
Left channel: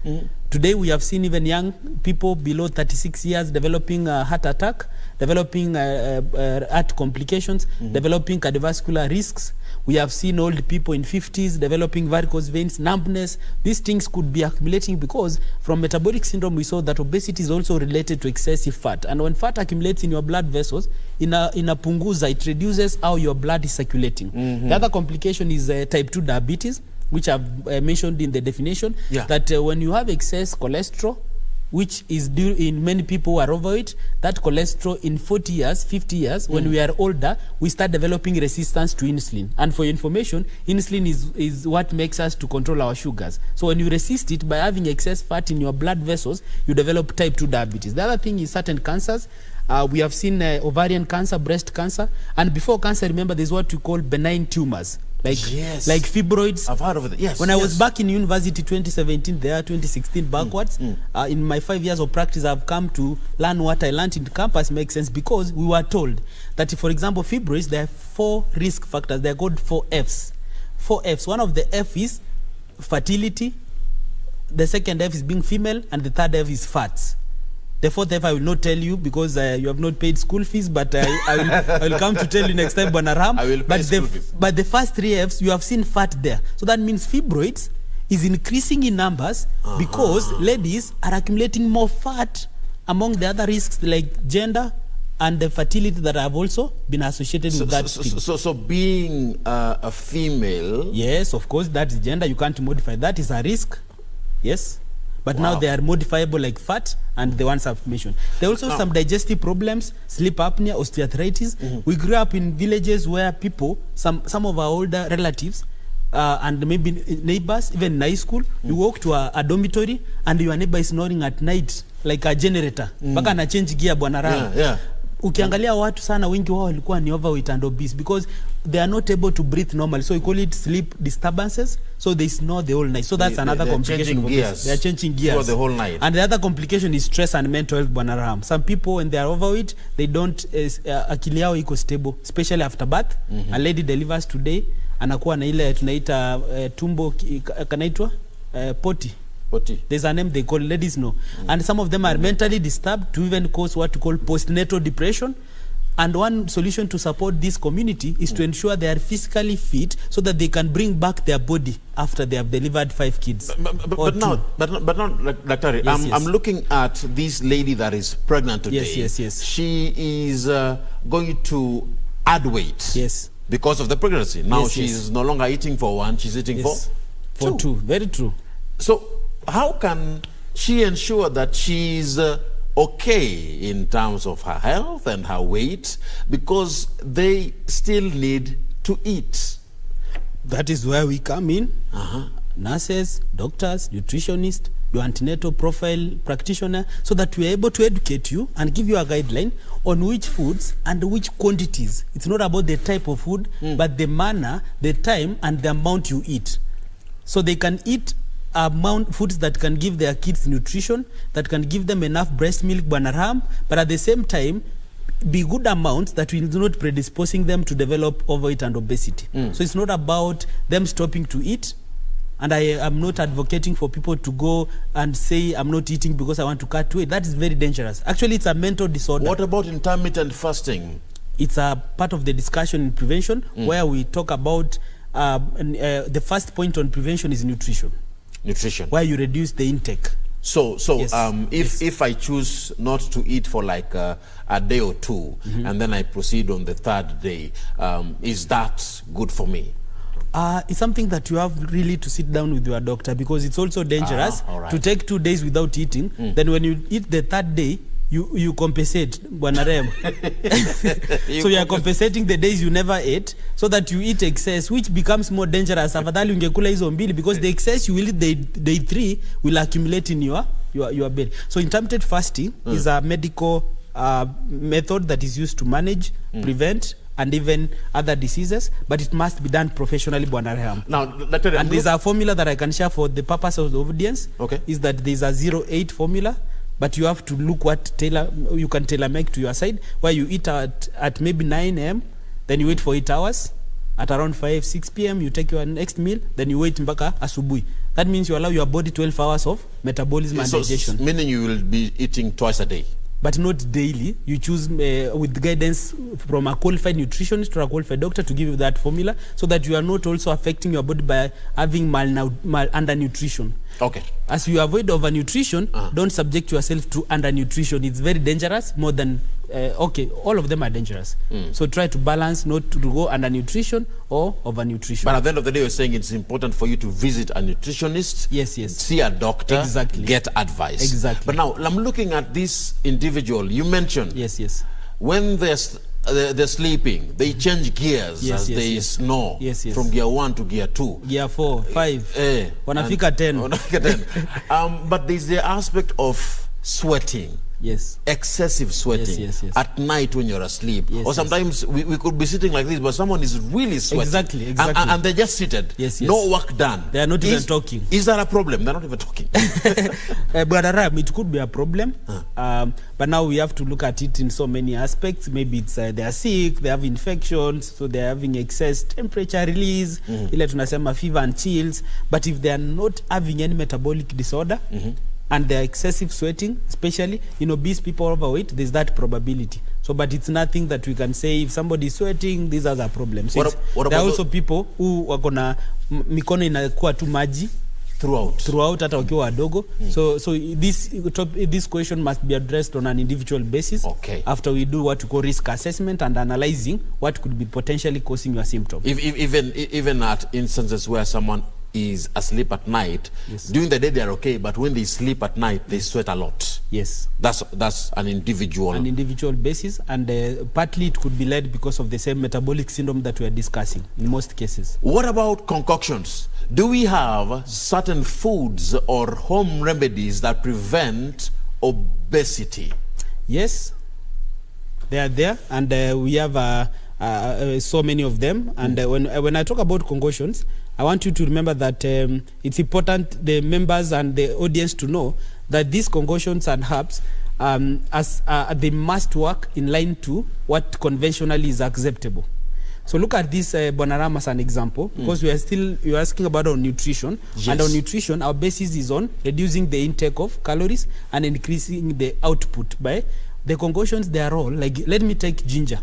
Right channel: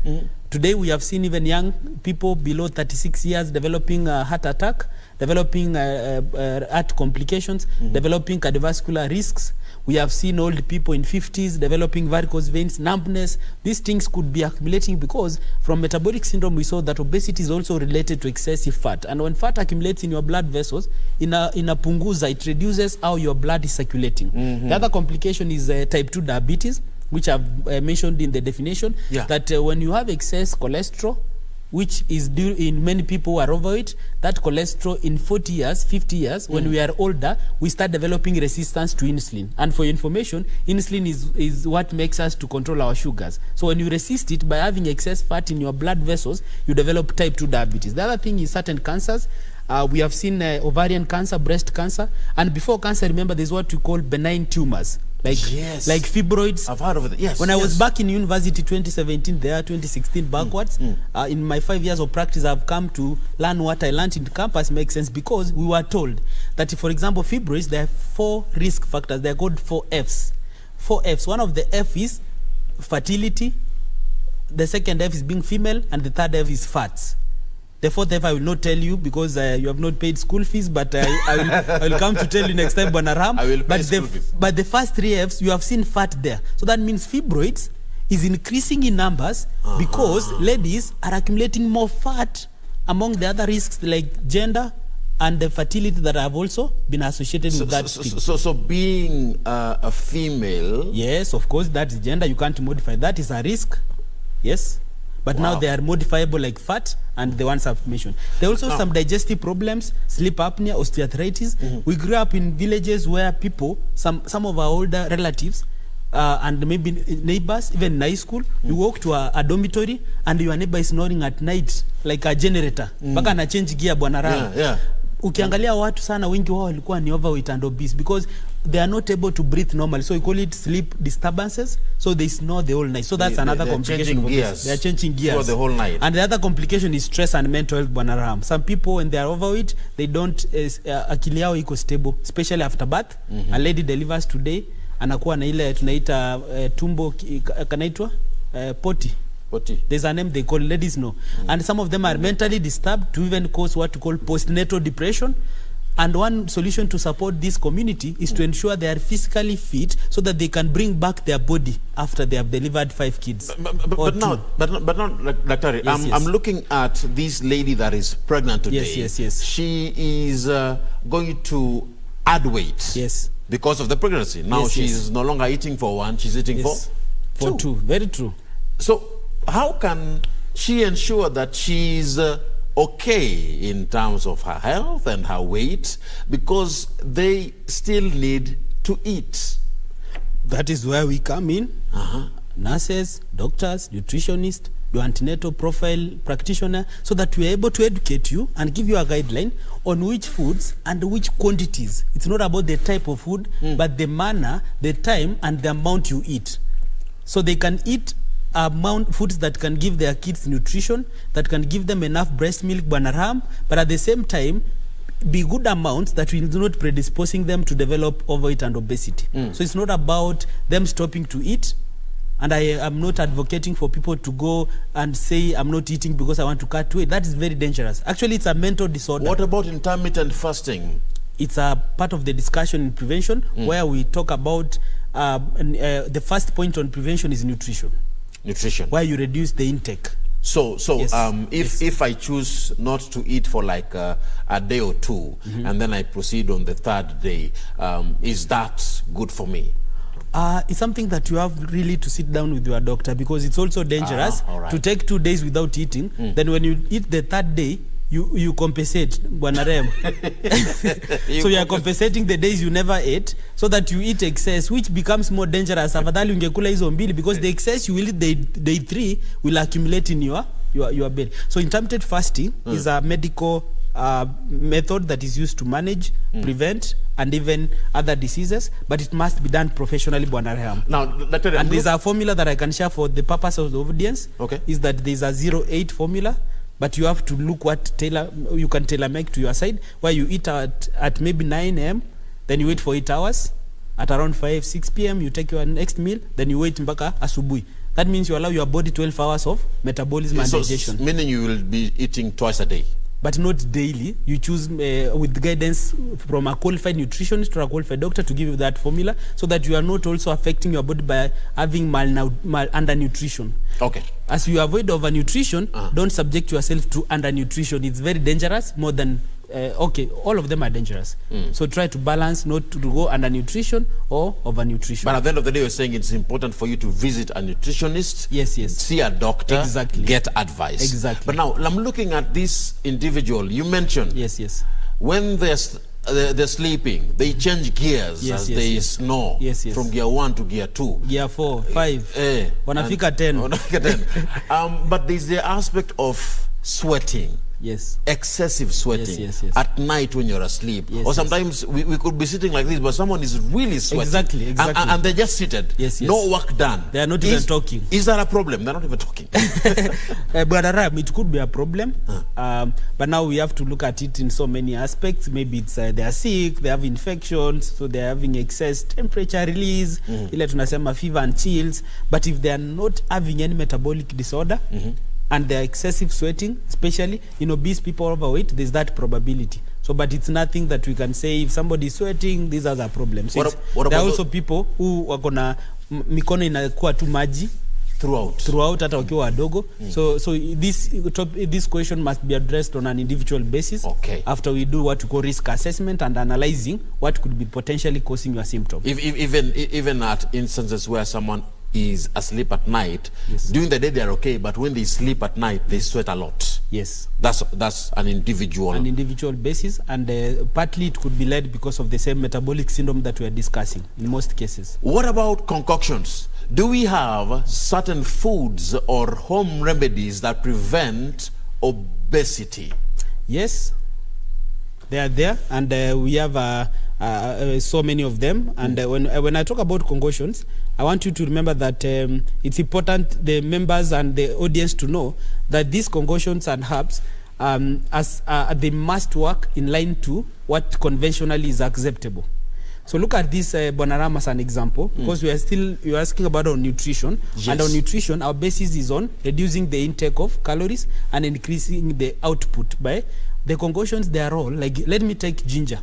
Today we have seen even young people below 36 years developing a heart attack, developing heart complications, developing cardiovascular risks. We have seen old people in 50s developing varicose veins, numbness. These things could be accumulating because from metabolic syndrome we saw that obesity is also related to excessive fat. And when fat accumulates in your blood vessels, in a punguza, it reduces how your blood is circulating. The other complication is type 2 diabetes, which I've mentioned in the definition, that when you have excess cholesterol, which is due in many people who are overweight, that cholesterol in 40 years, 50 years, when we are older, we start developing resistance to insulin. And for your information, insulin is what makes us to control our sugars. So when you resist it by having excess fat in your blood vessels, you develop type 2 diabetes. The other thing is certain cancers. We have seen ovarian cancer, breast cancer, and before cancer, remember, there's what we call benign tumors. Like fibroids. I've heard of it. Yes. When I was back in university 2017, there 2016 backwards, in my 5 years of practice, I've come to learn what I learned in campus makes sense, because we were told that, for example, fibroids, there are 4 risk factors. They're called 4 Fs. 4 Fs. One of the F is fertility. The second F is being female, and the third F is fats. The 4th F I will not tell you because you have not paid school fees, but I will come to tell you next time, Bonaram. I will pay school fees. But the first 3 Fs, you have seen fat there. So that means fibroids is increasing in numbers because ladies are accumulating more fat among the other risks like gender and the fertility that have also been associated with that. So being a female... Yes, of course, that is gender. You can't modify. That is a risk. Yes. But now they are modifiable like fat and the ones I've mentioned. There are also some digestive problems, sleep apnea, osteoarthritis. We grew up in villages where people, some of our older relatives, and maybe neighbors, even in high school, you walk to a dormitory and your neighbor is snoring at night like a generator. Baka na change gear bwana. Ukiangalia watu sana wengi wao walikuwa ni overweight and obese because they are not able to breathe normally. So we call it sleep disturbances. So they snore the whole night. So that's another complication. They are changing gears for the whole night. And the other complication is stress and mental health. Bwana. Some people, when they are overweight, they don't akili yao iko stable, especially after birth. A lady delivers today, anakuwa na ile tunaita tumbo kanaitwa poti. There's a name they call, ladies know. And some of them are mentally disturbed to even cause what we call postnatal depression. And one solution to support this community is to ensure they are physically fit so that they can bring back their body after they have delivered 5 kids. But now, Dr. I'm looking at this lady that is pregnant today. Yes. She is going to add weight. Yes. Because of the pregnancy. Now she's no longer eating for 1, she's eating for 2. Very true. So how can she ensure that she's okay in terms of her health and her weight, because they still need to eat? That is where we come in. Nurses, doctors, nutritionists, your antenatal profile practitioner, so that we are able to educate you and give you a guideline on which foods and which quantities. It's not about the type of food, but the manner, the time, and the amount you eat. So they can eat foods that can give their kids nutrition, that can give them enough breast milk, Banaram, but at the same time be good amounts that will not predisposing them to develop overweight and obesity. So it's not about them stopping to eat, and I am not advocating for people to go and say I'm not eating because I want to cut weight. That is very dangerous. Actually, it's a mental disorder. What about intermittent fasting? It's a part of the discussion in prevention where we talk about the first point on prevention is nutrition. Where you reduce the intake. So if I choose not to eat for like a day or 2, and then I proceed on the 3rd day, is that good for me? It's something that you have really to sit down with your doctor, because it's also dangerous to take 2 days without eating. Then when you eat the 3rd day, you compensate, Bwanarem. So you are compensating the days you never ate, so that you eat excess, which becomes more dangerous. Afadhali ungekula hizo mbili, because the excess you will eat day 3 will accumulate in your belly. So intermittent fasting is a medical method that is used to manage, prevent, and even other diseases, but it must be done professionally, Bwanarem. Now, Dr. And there's a formula that I can share for the purpose of the audience. Is that there's a 0-8 formula. But you have to look what you can tailor make to your side, where you eat at maybe 9 a.m., then you wait for 8 hours. At around 5-6 p.m., you take your next meal, then you wait mpaka asubuhi. That means you allow your body 12 hours of metabolism and digestion. Meaning you will be eating twice a day? But not daily. You choose with guidance from a qualified nutritionist or a qualified doctor to give you that formula, so that you are not also affecting your body by having undernutrition. As you avoid overnutrition, don't subject yourself to undernutrition. It's very dangerous, more than okay, all of them are dangerous. So try to balance, not to go under nutrition or over nutrition. But at the end of the day, you're saying it's important for you to visit a nutritionist, yes, see a doctor, exactly, get advice. Exactly. But now I'm looking at this individual you mentioned. Yes. When they're sleeping, they change gears as they snore from gear 1 to gear 2. Gear 4, 5, wanafika 10. But there's the aspect of sweating. Yes. Excessive sweating. Yes. At night when you're asleep. Yes, or sometimes we could be sitting like this, but someone is really sweating. Exactly. And they're just seated. Yes. No work done. They are not even talking. Is that a problem? They're not even talking. But it could be a problem. But now we have to look at it in so many aspects. Maybe it's they are sick, they have infections, so they're having excess temperature release, ile tunasema fever and chills. But if they are not having any metabolic disorder, and they're excessive sweating, especially in obese people overweight, there's that probability. So, but it's nothing that we can say if somebody is sweating, these are the problems. So there are also people who wakona mikono inakuwa tu maji throughout hata wakiwa wadogo. So this question must be addressed on an individual basis. Okay. After we do what we call risk assessment and analyzing what could be potentially causing your symptom. Even at instances where someone is asleep at night, during the day they are okay, but when they sleep at night they sweat a lot. Yes, that's an individual basis, and partly it could be led because of the same metabolic syndrome that we are discussing in most cases. What about concoctions? Do we have certain foods or home remedies that prevent obesity? Yes, they are there, and we have so many of them. And when I talk about concoctions, I want you to remember that it's important the members and the audience to know that these concoctions and herbs, they must work in line to what conventionally is acceptable. So look at this Bonaram as an example, because you're asking about our nutrition. Yes. And our nutrition, our basis is on reducing the intake of calories and increasing the output by the concoctions. They are all like, let me take ginger.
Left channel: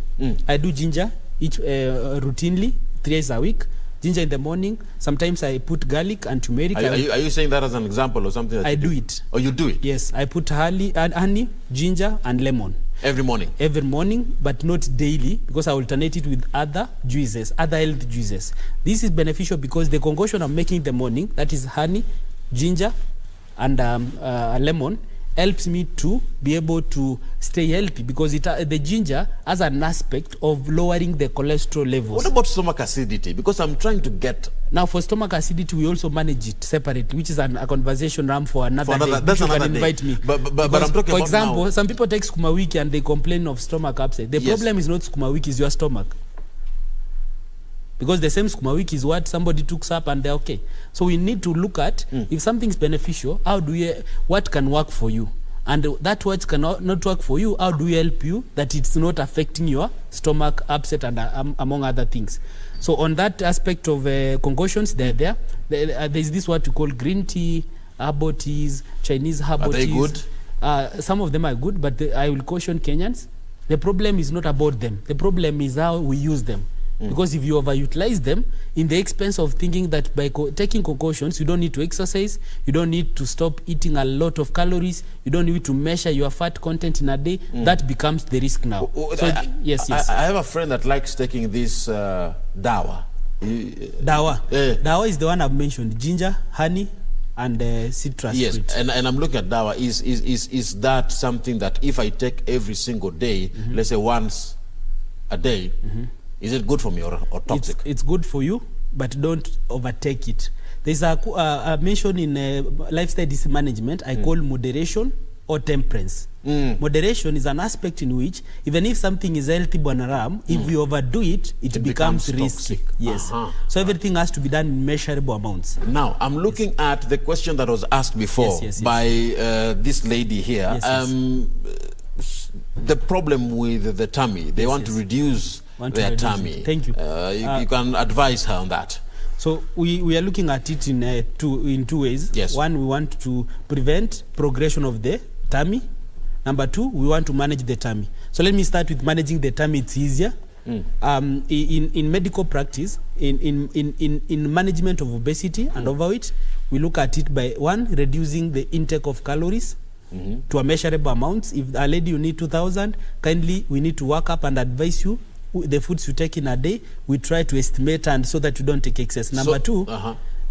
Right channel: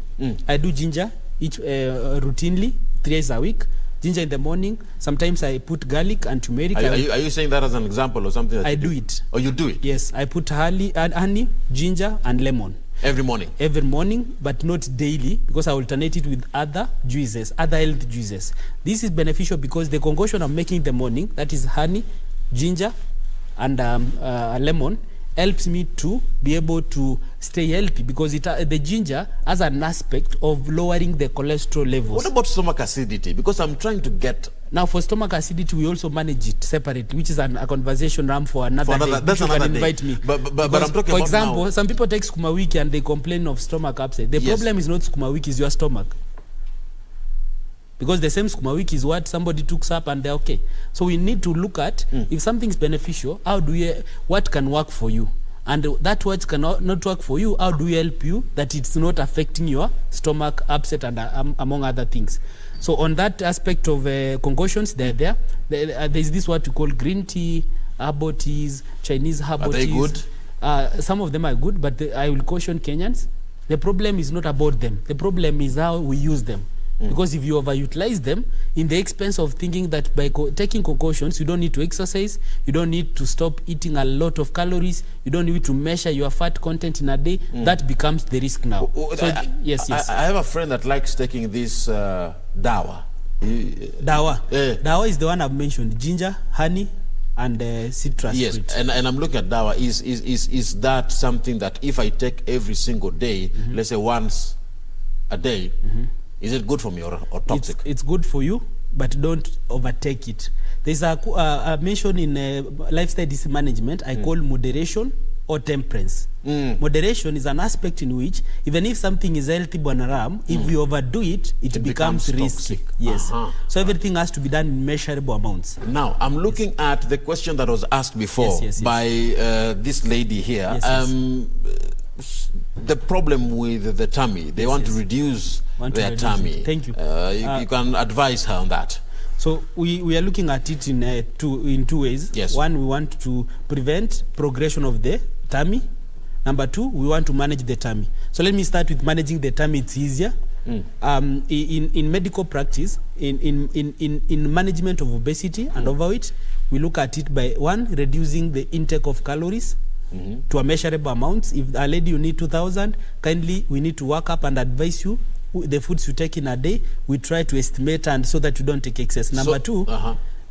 I do ginger routinely 3 days a week. Ginger in the morning. Sometimes I put garlic and turmeric. Are you saying that as an example or something? That I do it. Oh, you do it? Yes, I put honey, ginger, and lemon. Every morning? Every morning, but not daily, because I alternate it with other juices, other health juices. This is beneficial because the concoction I'm making in the morning, that is honey, ginger, and lemon, helps me to be able to stay healthy, because the ginger has an aspect of lowering the cholesterol levels. What about stomach acidity? Because I'm trying to get... Now, for stomach acidity, we also manage it separately, which is a conversation ram for another day. That's another day. Invite me. But I'm talking about, for example, now, some people take skuma wiki and they complain of stomach upset. The problem is not skuma wiki, is your stomach. Because the same skuma wiki is what somebody took up and they're okay. So we need to look at if something's beneficial, what can work for you? And that what cannot not work for you, how do we help you that it's not affecting your stomach upset and among other things? So on that aspect of concoctions, they're there. There's this what we call green tea, herbal teas, Chinese herbal teas. Are they good? Some of them are good, but I will caution Kenyans. The problem is not about them. The problem is how we use them. Because if you overutilize them, in the expense of thinking that by taking concoctions, you don't need to exercise, you don't need to stop eating a lot of calories, you don't need to measure your fat content in a day, that becomes the risk now. So, yes. I have a friend that likes taking this dawa. Dawa? Dawa is the one I've mentioned, ginger, honey, and citrus fruit. And I'm looking at dawa. Is that something that if I take every single day, let's say once a day, is it good for me or toxic? It's good for you, but don't overtake it. There's a mention in lifestyle disease management I call moderation or temperance. Moderation is an aspect in which even if something is healthy, Bonaram, if we overdo it, it becomes risky. Toxic. Yes. So everything has to be done in measurable amounts. Now, I'm looking at the question that was asked before by this lady here. The problem with the tummy, they want to reduce their tummy. Thank you. You can advise her on that. So we are looking at it in two ways. Yes. One, we want to prevent progression of the tummy. Number two, we want to manage the tummy. So let me start with managing the tummy. It's easier. In medical practice, in management of obesity and overweight, we look at it by one, reducing the intake of calories. to a measurable amounts. If a lady you need 2,000, kindly we need to work up and advise you the foods you take in a day. We try to estimate and so that you don't take excess. Number two,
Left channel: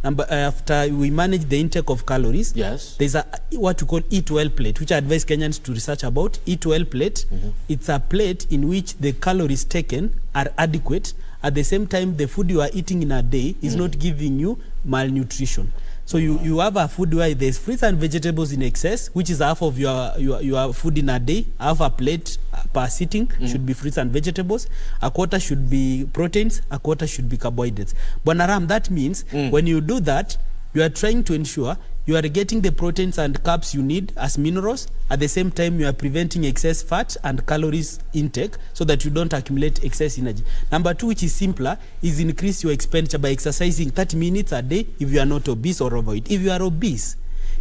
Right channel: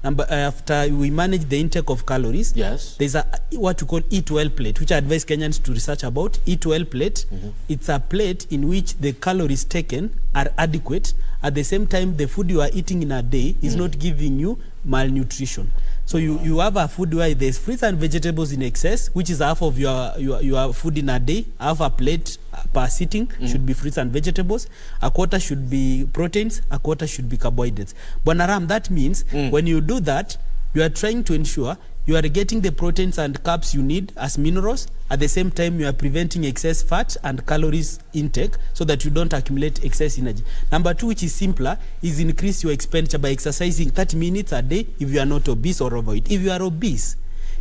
after we manage the intake of calories, there's a what we call eat well plate, which I advise Kenyans to research about. Eat well plate, it's a plate in which the calories taken are adequate. At the same time, the food you are eating in a day is not giving you malnutrition. So you have a food where there's fruits and vegetables in excess, which is half of your food in a day. Half a plate per sitting should be fruits and vegetables. A quarter should be proteins. A quarter should be carbohydrates. Bonaram, that means when you do that, you are trying to ensure you are getting the proteins and carbs you need as minerals. At the same time, you are preventing excess fat and calories intake so that you don't accumulate excess energy. Number two, which is simpler, is increase your expenditure by exercising 30 minutes a day if you are not obese or overweight. If you are obese,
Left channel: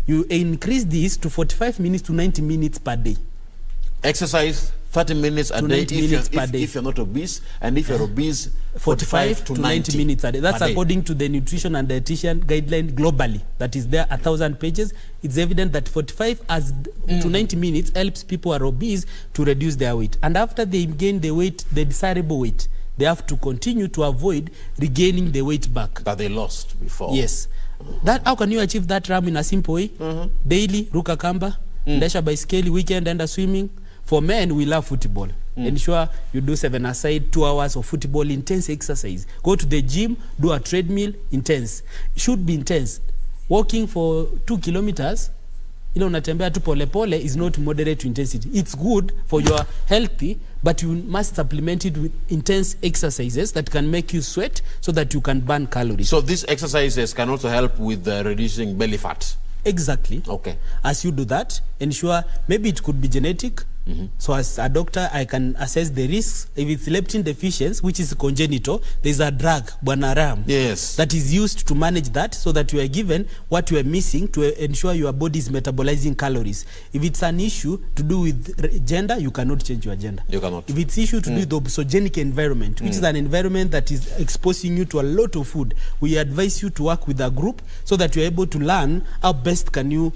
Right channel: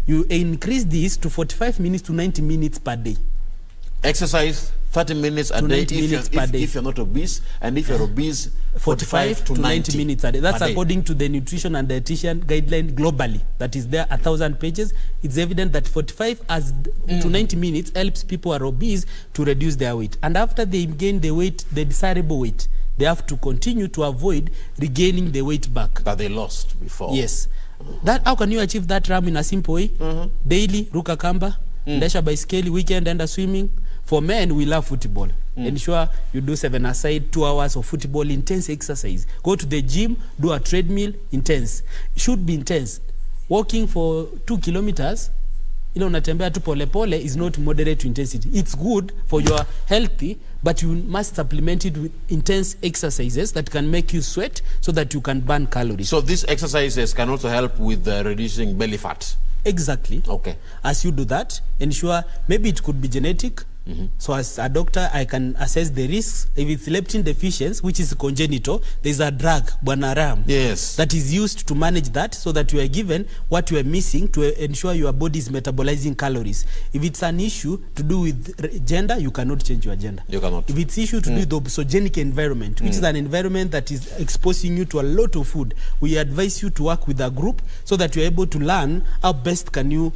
you increase this to 45 minutes to 90 minutes per day. Exercise 30 minutes a day if you're not obese, and if you're obese, 45 to 90 minutes a day. That's according to the nutrition and dietitian guideline globally. That is there 1,000 pages. It's evident that 45 to 90 minutes helps people who are obese to reduce their weight. And after they gain the weight, the desirable weight, they have to continue to avoid regaining the weight back that they lost before. Yes. That how can you achieve that, Ram, in a simple way? Daily, ruka kamba, ndesha baiskeli, weekend, enda swimming. For men, we love football. Ensure you do 7-a-side, 2 hours of football, intense exercise. Go to the gym, do a treadmill, intense. Should be intense. Walking for 2 kilometers, unatembea tu pole pole, is not moderate intensity. It's good for your healthy, but you must supplement it with intense exercises that can make you sweat so that you can burn calories. So these exercises can also help with reducing belly fat. Exactly. Okay. As you do that, ensure maybe it could be genetic. So as a doctor, I can assess the risks. If it's leptin deficiency, which is congenital, there's a drug, Bonaram, that is used to manage that so that you are given what you are missing to ensure your body is metabolizing calories. If it's an issue to do with gender, you cannot change your gender. You cannot. If it's issue to do with the obesogenic environment, which is an environment that is exposing you to a lot of food, we advise you to work with a group so that you're able to learn how best can you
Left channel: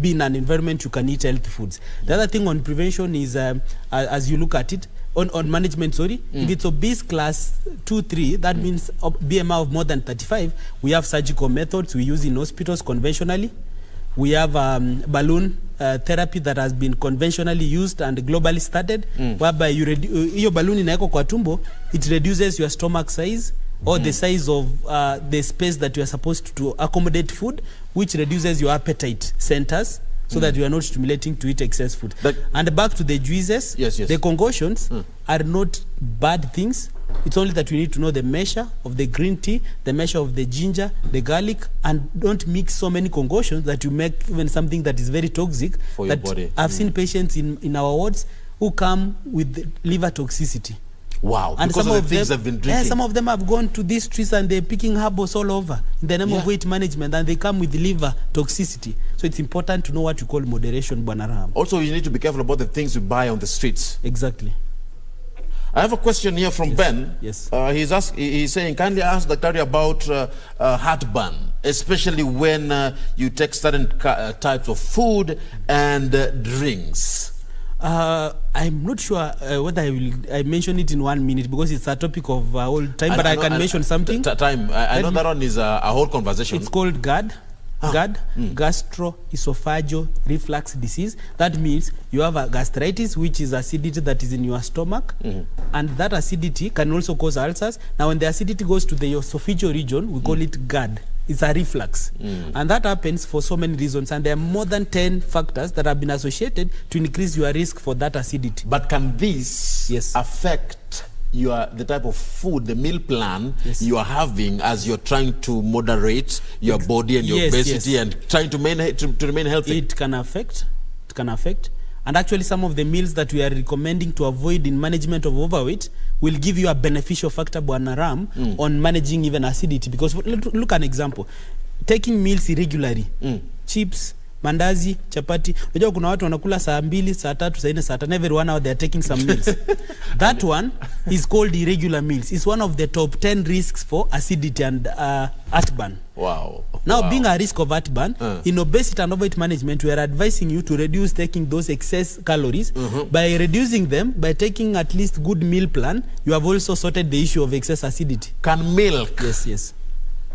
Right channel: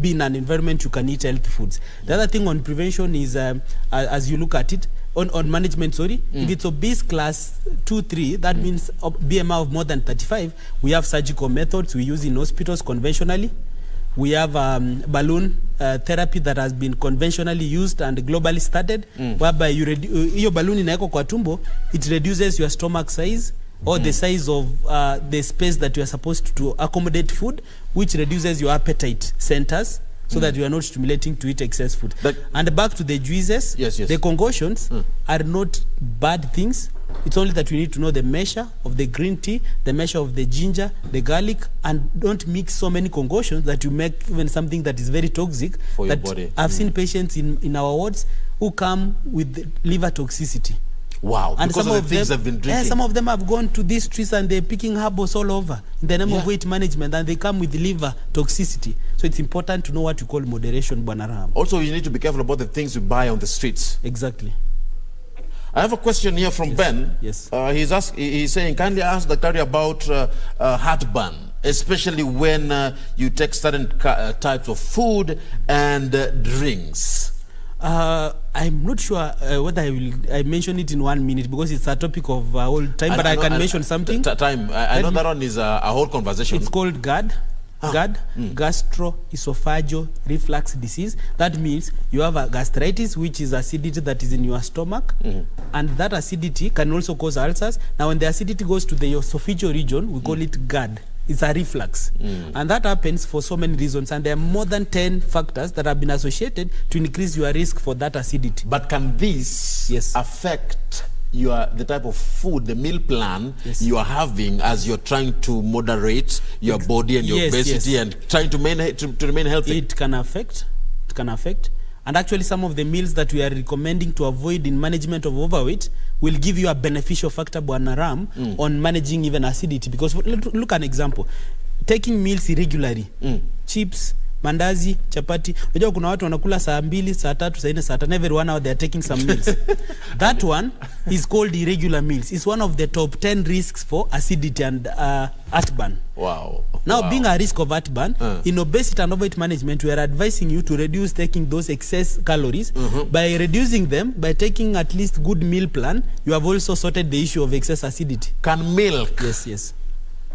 be in an environment you can eat healthy foods. The other thing on prevention is, as you look at it, on management, if it's obese class 2-3, that means BMI of more than 35, we have surgical methods we use in hospitals conventionally. We have balloon therapy that has been conventionally used and globally studied, whereby your balloon inaeko kwa tumbo, it reduces your stomach size, or the size of the space that you are supposed to accommodate food, which reduces your appetite centers so that you are not stimulating to eat excess food. And back to the juices, the concoctions are not bad things. It's only that you need to know the measure of the green tea, the measure of the ginger, the garlic, and don't mix so many concoctions that you make even something that is very toxic for your body. I've seen patients in our wards who come with liver toxicity. Wow, and because some of the things they've been drinking. Some of them have gone to these streets and they're picking herbals all over in the name of weight management, and they come with liver toxicity. So it's important to know what you call moderation, Bonaram. Also, you need to be careful about the things you buy on the streets. Exactly. I have a question here from Ben. Yes. He's saying, kindly ask Dr. about heartburn, especially when you take certain types of food and drinks. I'm not sure whether I mention it in 1 minute because it's a topic of whole time, but I can mention something. I know that one is a whole conversation. It's called GERD. GERD, gastroesophageal reflux disease. That means you have a gastritis, which is acidity that is in your stomach, and that acidity can also cause ulcers. Now, when the acidity goes to the esophageal region, we call it GERD. It's a reflux. And that happens for so many reasons. And there are more than 10 factors that have been associated to increase your risk for that acidity. But can this affect the type of food, the meal plan you are having as you're trying to moderate your body and your obesity and trying to remain healthy? It can affect. And actually some of the meals that we are recommending to avoid in management of overweight will give you a beneficial factor, Bonaram, on managing even acidity. Because look at an example. Taking meals irregularly, chips, mandazi, chapati. Unajua kuna watu wanakula saa 2, saa 3, saa 4, saa 5. Every 1 hour they are taking some meals. That one is called irregular meals. It's one of the top 10 risks for acidity and heartburn. Wow. Now, being a risk of heartburn, in obesity and overweight management, we are advising you to reduce taking those excess calories. By reducing them, by taking at least good meal plan, you have also sorted the issue of excess acidity. Can milk yes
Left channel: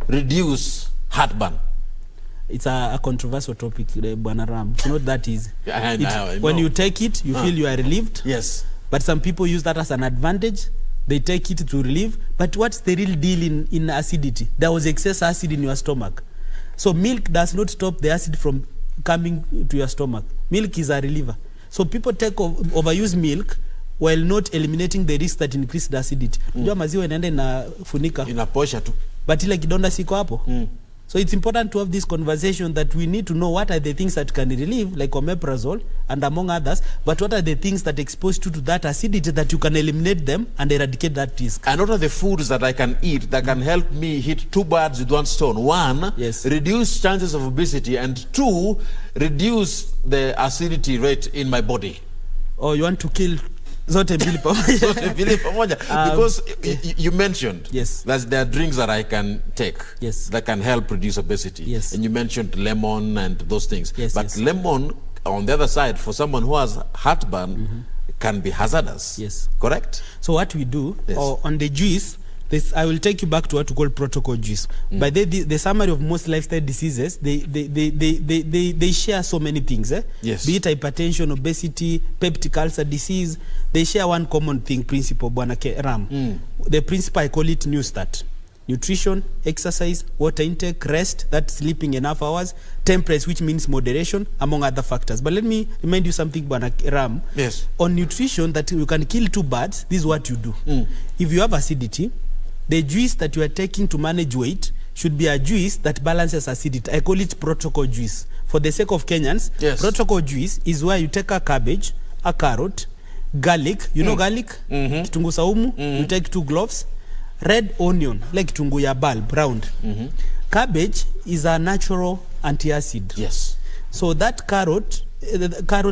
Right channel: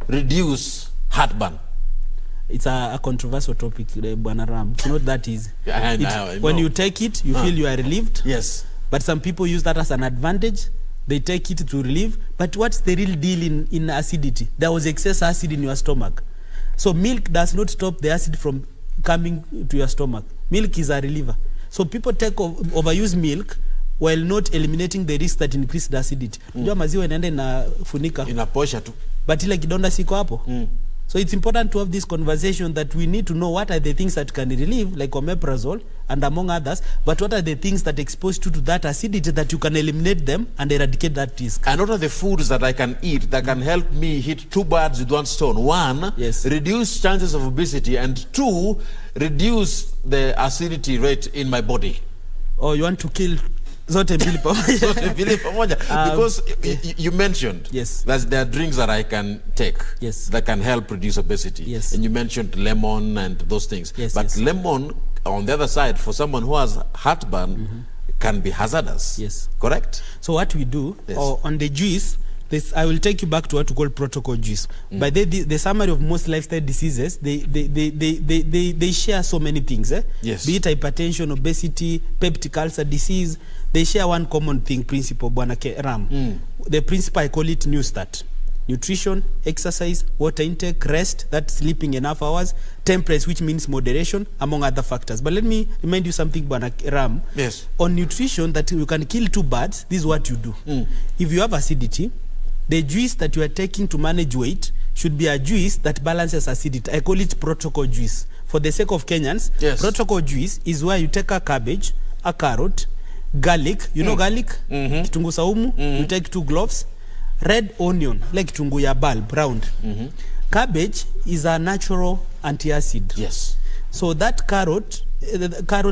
reduce heartburn? It's a controversial topic, Bwana Ram. It's not that easy. I know. When you take it, you feel you are relieved. Yes. But some people use that as an advantage. They take it to relieve. But what's the real deal in acidity? There was excess acid in your stomach. So milk does not stop the acid from coming to your stomach. Milk is a reliever. So people overuse milk while not eliminating the risk that increase the acidity. Unajua maziwa inaenda inafunika. Inaposha tu. But ile kidonda siko hapo. So it's important to have this conversation that we need to know what are the things that can relieve, like omeprazole and among others, but what are the things that expose you to that acidity that you can eliminate them and eradicate that risk. And what are the foods that I can eat that can help me hit 2 birds with 1 stone? 1, reduce chances of obesity, and 2, reduce the acidity rate in my body. Oh, you want to kill zote mbili pamoja? Because you mentioned that there are drinks that I can take that can help reduce obesity. And you mentioned lemon and those things. But lemon, on the other side, for someone who has heartburn, can be hazardous. Correct? So what we do on the juice, I will take you back to what we call protocol juice. By the summary of most lifestyle diseases, they share so many things. Be it hypertension, obesity, peptic ulcer disease, they share one common thing, principle, Bwana Ram. The principle, I call it New Start. Nutrition, exercise, water intake, rest, that's sleeping enough hours, temperance, which means moderation, among other factors. But let me remind you something, Bwana Ram. On nutrition, that you can kill 2 birds, this is what you do. If you have acidity, the juice that you are taking to manage weight should be a juice that balances acidity. I call it protocol juice. For the sake of Kenyans, protocol juice is where you take a cabbage, a carrot, garlic, you know garlic? Kitungu saumu, you take 2 cloves, red onion, like kitungu ya bulb, round. Cabbage is a natural anti-acid. So that carrot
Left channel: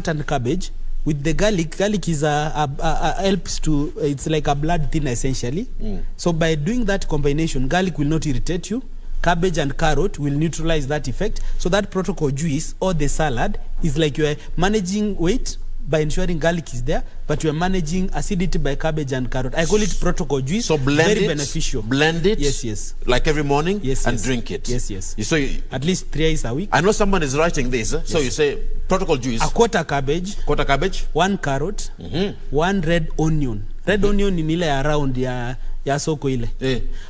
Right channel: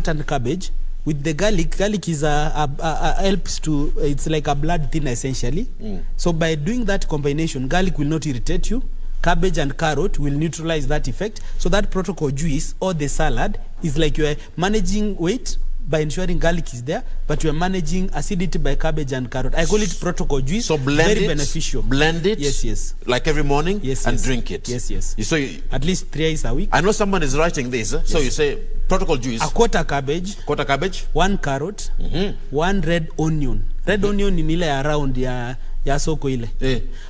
and cabbage, with the garlic is helps to, it's like a blood thinner essentially. So by doing that combination, garlic will not irritate you. Cabbage and carrot will neutralize that effect. So that protocol juice or the salad is like you are managing weight by ensuring garlic is there, but you are managing acidity by cabbage and carrot. I call it protocol juice. So blend very it, beneficial. Blend it, like every morning, and drink it. So at least 3 days a week. I know someone is writing this, so you say protocol juice. A quarter cabbage, 1 carrot, 1 red onion. Red onion in ile around ya soko ile.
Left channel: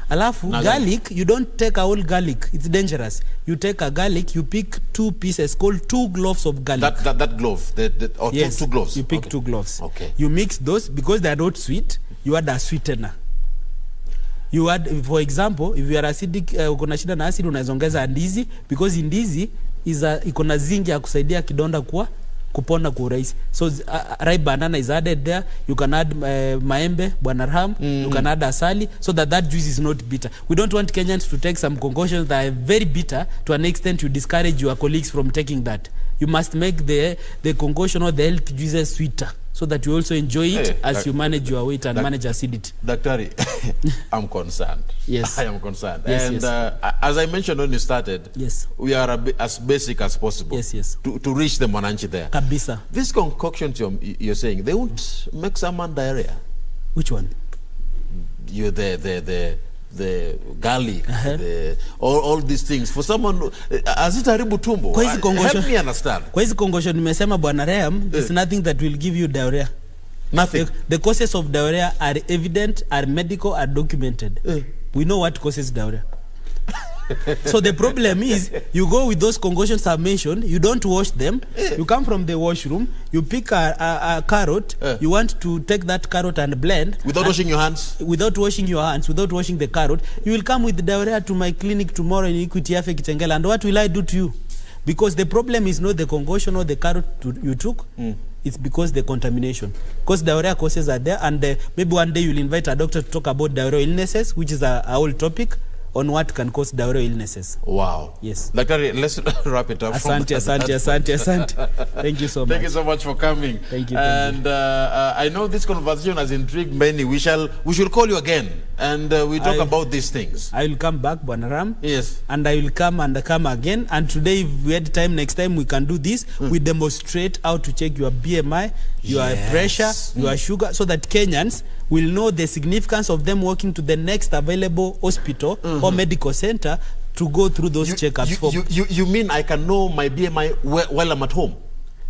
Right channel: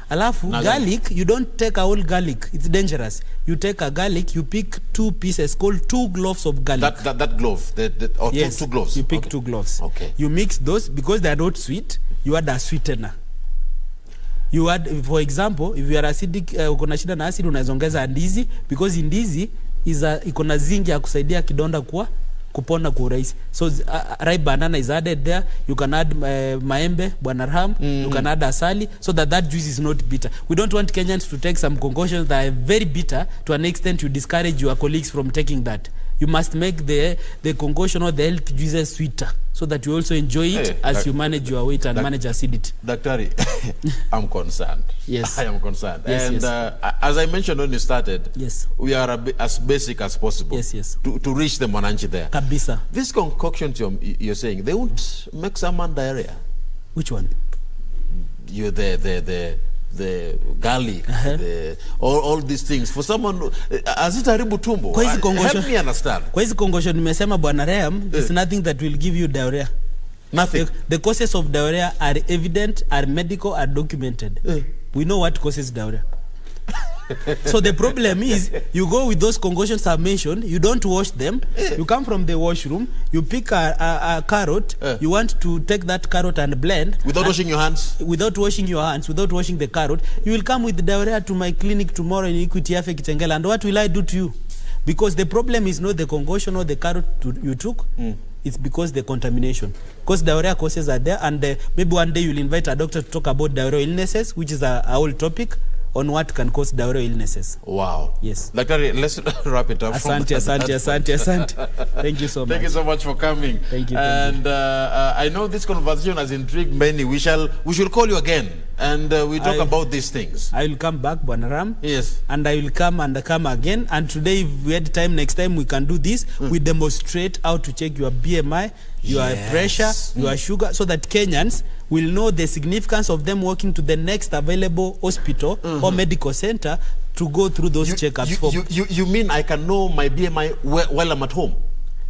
Alafu garlic, you don't take a whole garlic. It's dangerous. You take a garlic, you pick 2 pieces called 2 cloves of garlic. That glove, or 2 cloves. You pick 2 cloves. You mix those because they are not sweet. You add a sweetener. You add, for example, if you are acidic, ukona shida na acid, unaongeza ndizi, because ndizi iko na zinc ya kusaidia kidonda kupona kwa urahisi. So ripe banana is added there. You can add maembe, Bwana Ram. You can add asali, so that juice is not bitter. We don't want Kenyans to take some concoctions that are very bitter to an extent you discourage your colleagues from taking that. You must make the concoction or the health juices sweeter, so that you also enjoy it as you manage your weight and manage acidity. Daktari, I'm concerned. I am concerned. As I mentioned when you started, we are as basic as possible to reach the mwananchi there. Kabisa. These concoctions you're saying, they won't make someone diarrhea. Which one? You the garlic, all these things. For someone, as it haribu tumbo, help me understand. Kwa hizi concussion nimesema Bwana Ram, it's nothing that will give you diarrhea. Nothing. The causes of diarrhea are evident, are medical, are documented. We know what causes diarrhea. So the problem is, you go with those concoctions I've mentioned, you don't wash them, you come from the washroom, you pick a carrot, you want to take that carrot and blend. Without washing your hands? Without washing your hands, without washing the carrot, you will come with diarrhea to my clinic tomorrow in Equity Afe Kitengela, and what will I do to you? Because the problem is not the concoction or the carrot you took, it's because the contamination. Because diarrhea causes are there, and maybe one day you'll invite a doctor to talk about diarrheal illnesses, which is a whole topic. on what can cause diarrheal illnesses. Wow. Yes. Dr. Let's wrap it up. Asante. Thank you so much. Thank you so much for coming. Thank you. And I know this conversation has intrigued many. We should call you again and we talk about these things. I will come back, Bwanaram. Yes. And I will come again. And today, if we had time, next time we can do this. We demonstrate how to check your BMI, your pressure, your sugar, so that Kenyans will know the significance of them walking to the next available hospital or medical center to go through those checkups. You mean I can know my BMI while I'm at home?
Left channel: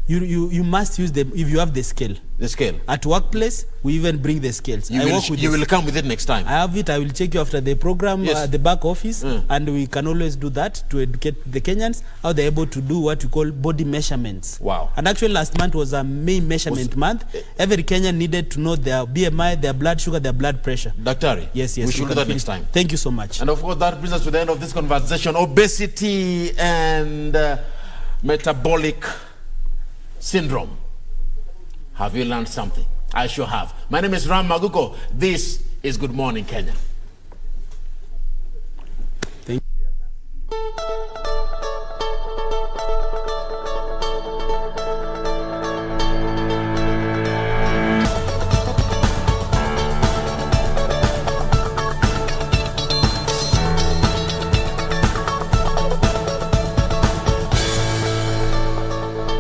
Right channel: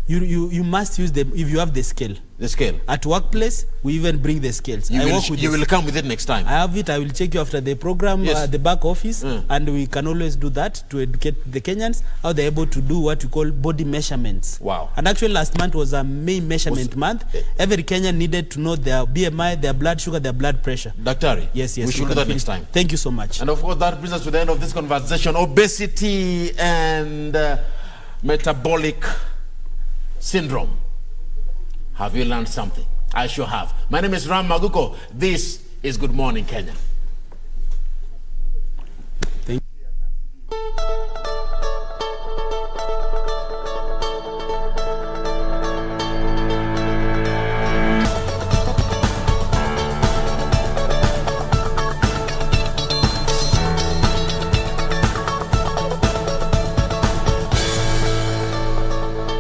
You must use them if you have the scale. The scale. At workplace, we even bring the scales. You will come with it next time. I have it. I will check you after the program, the back office, and we can always do that to educate the Kenyans how they're able to do what we call body measurements. Wow. And actually last month was a main measurement month. Every Kenyan needed to know their BMI, their blood sugar, their blood pressure. Daktari, yes, we should do that next time. Thank you so much. And of course, that brings us to the end of this conversation. Obesity and metabolic syndrome. Have you learned something? I sure have. My name is Aguko. This is Good Morning Kenya.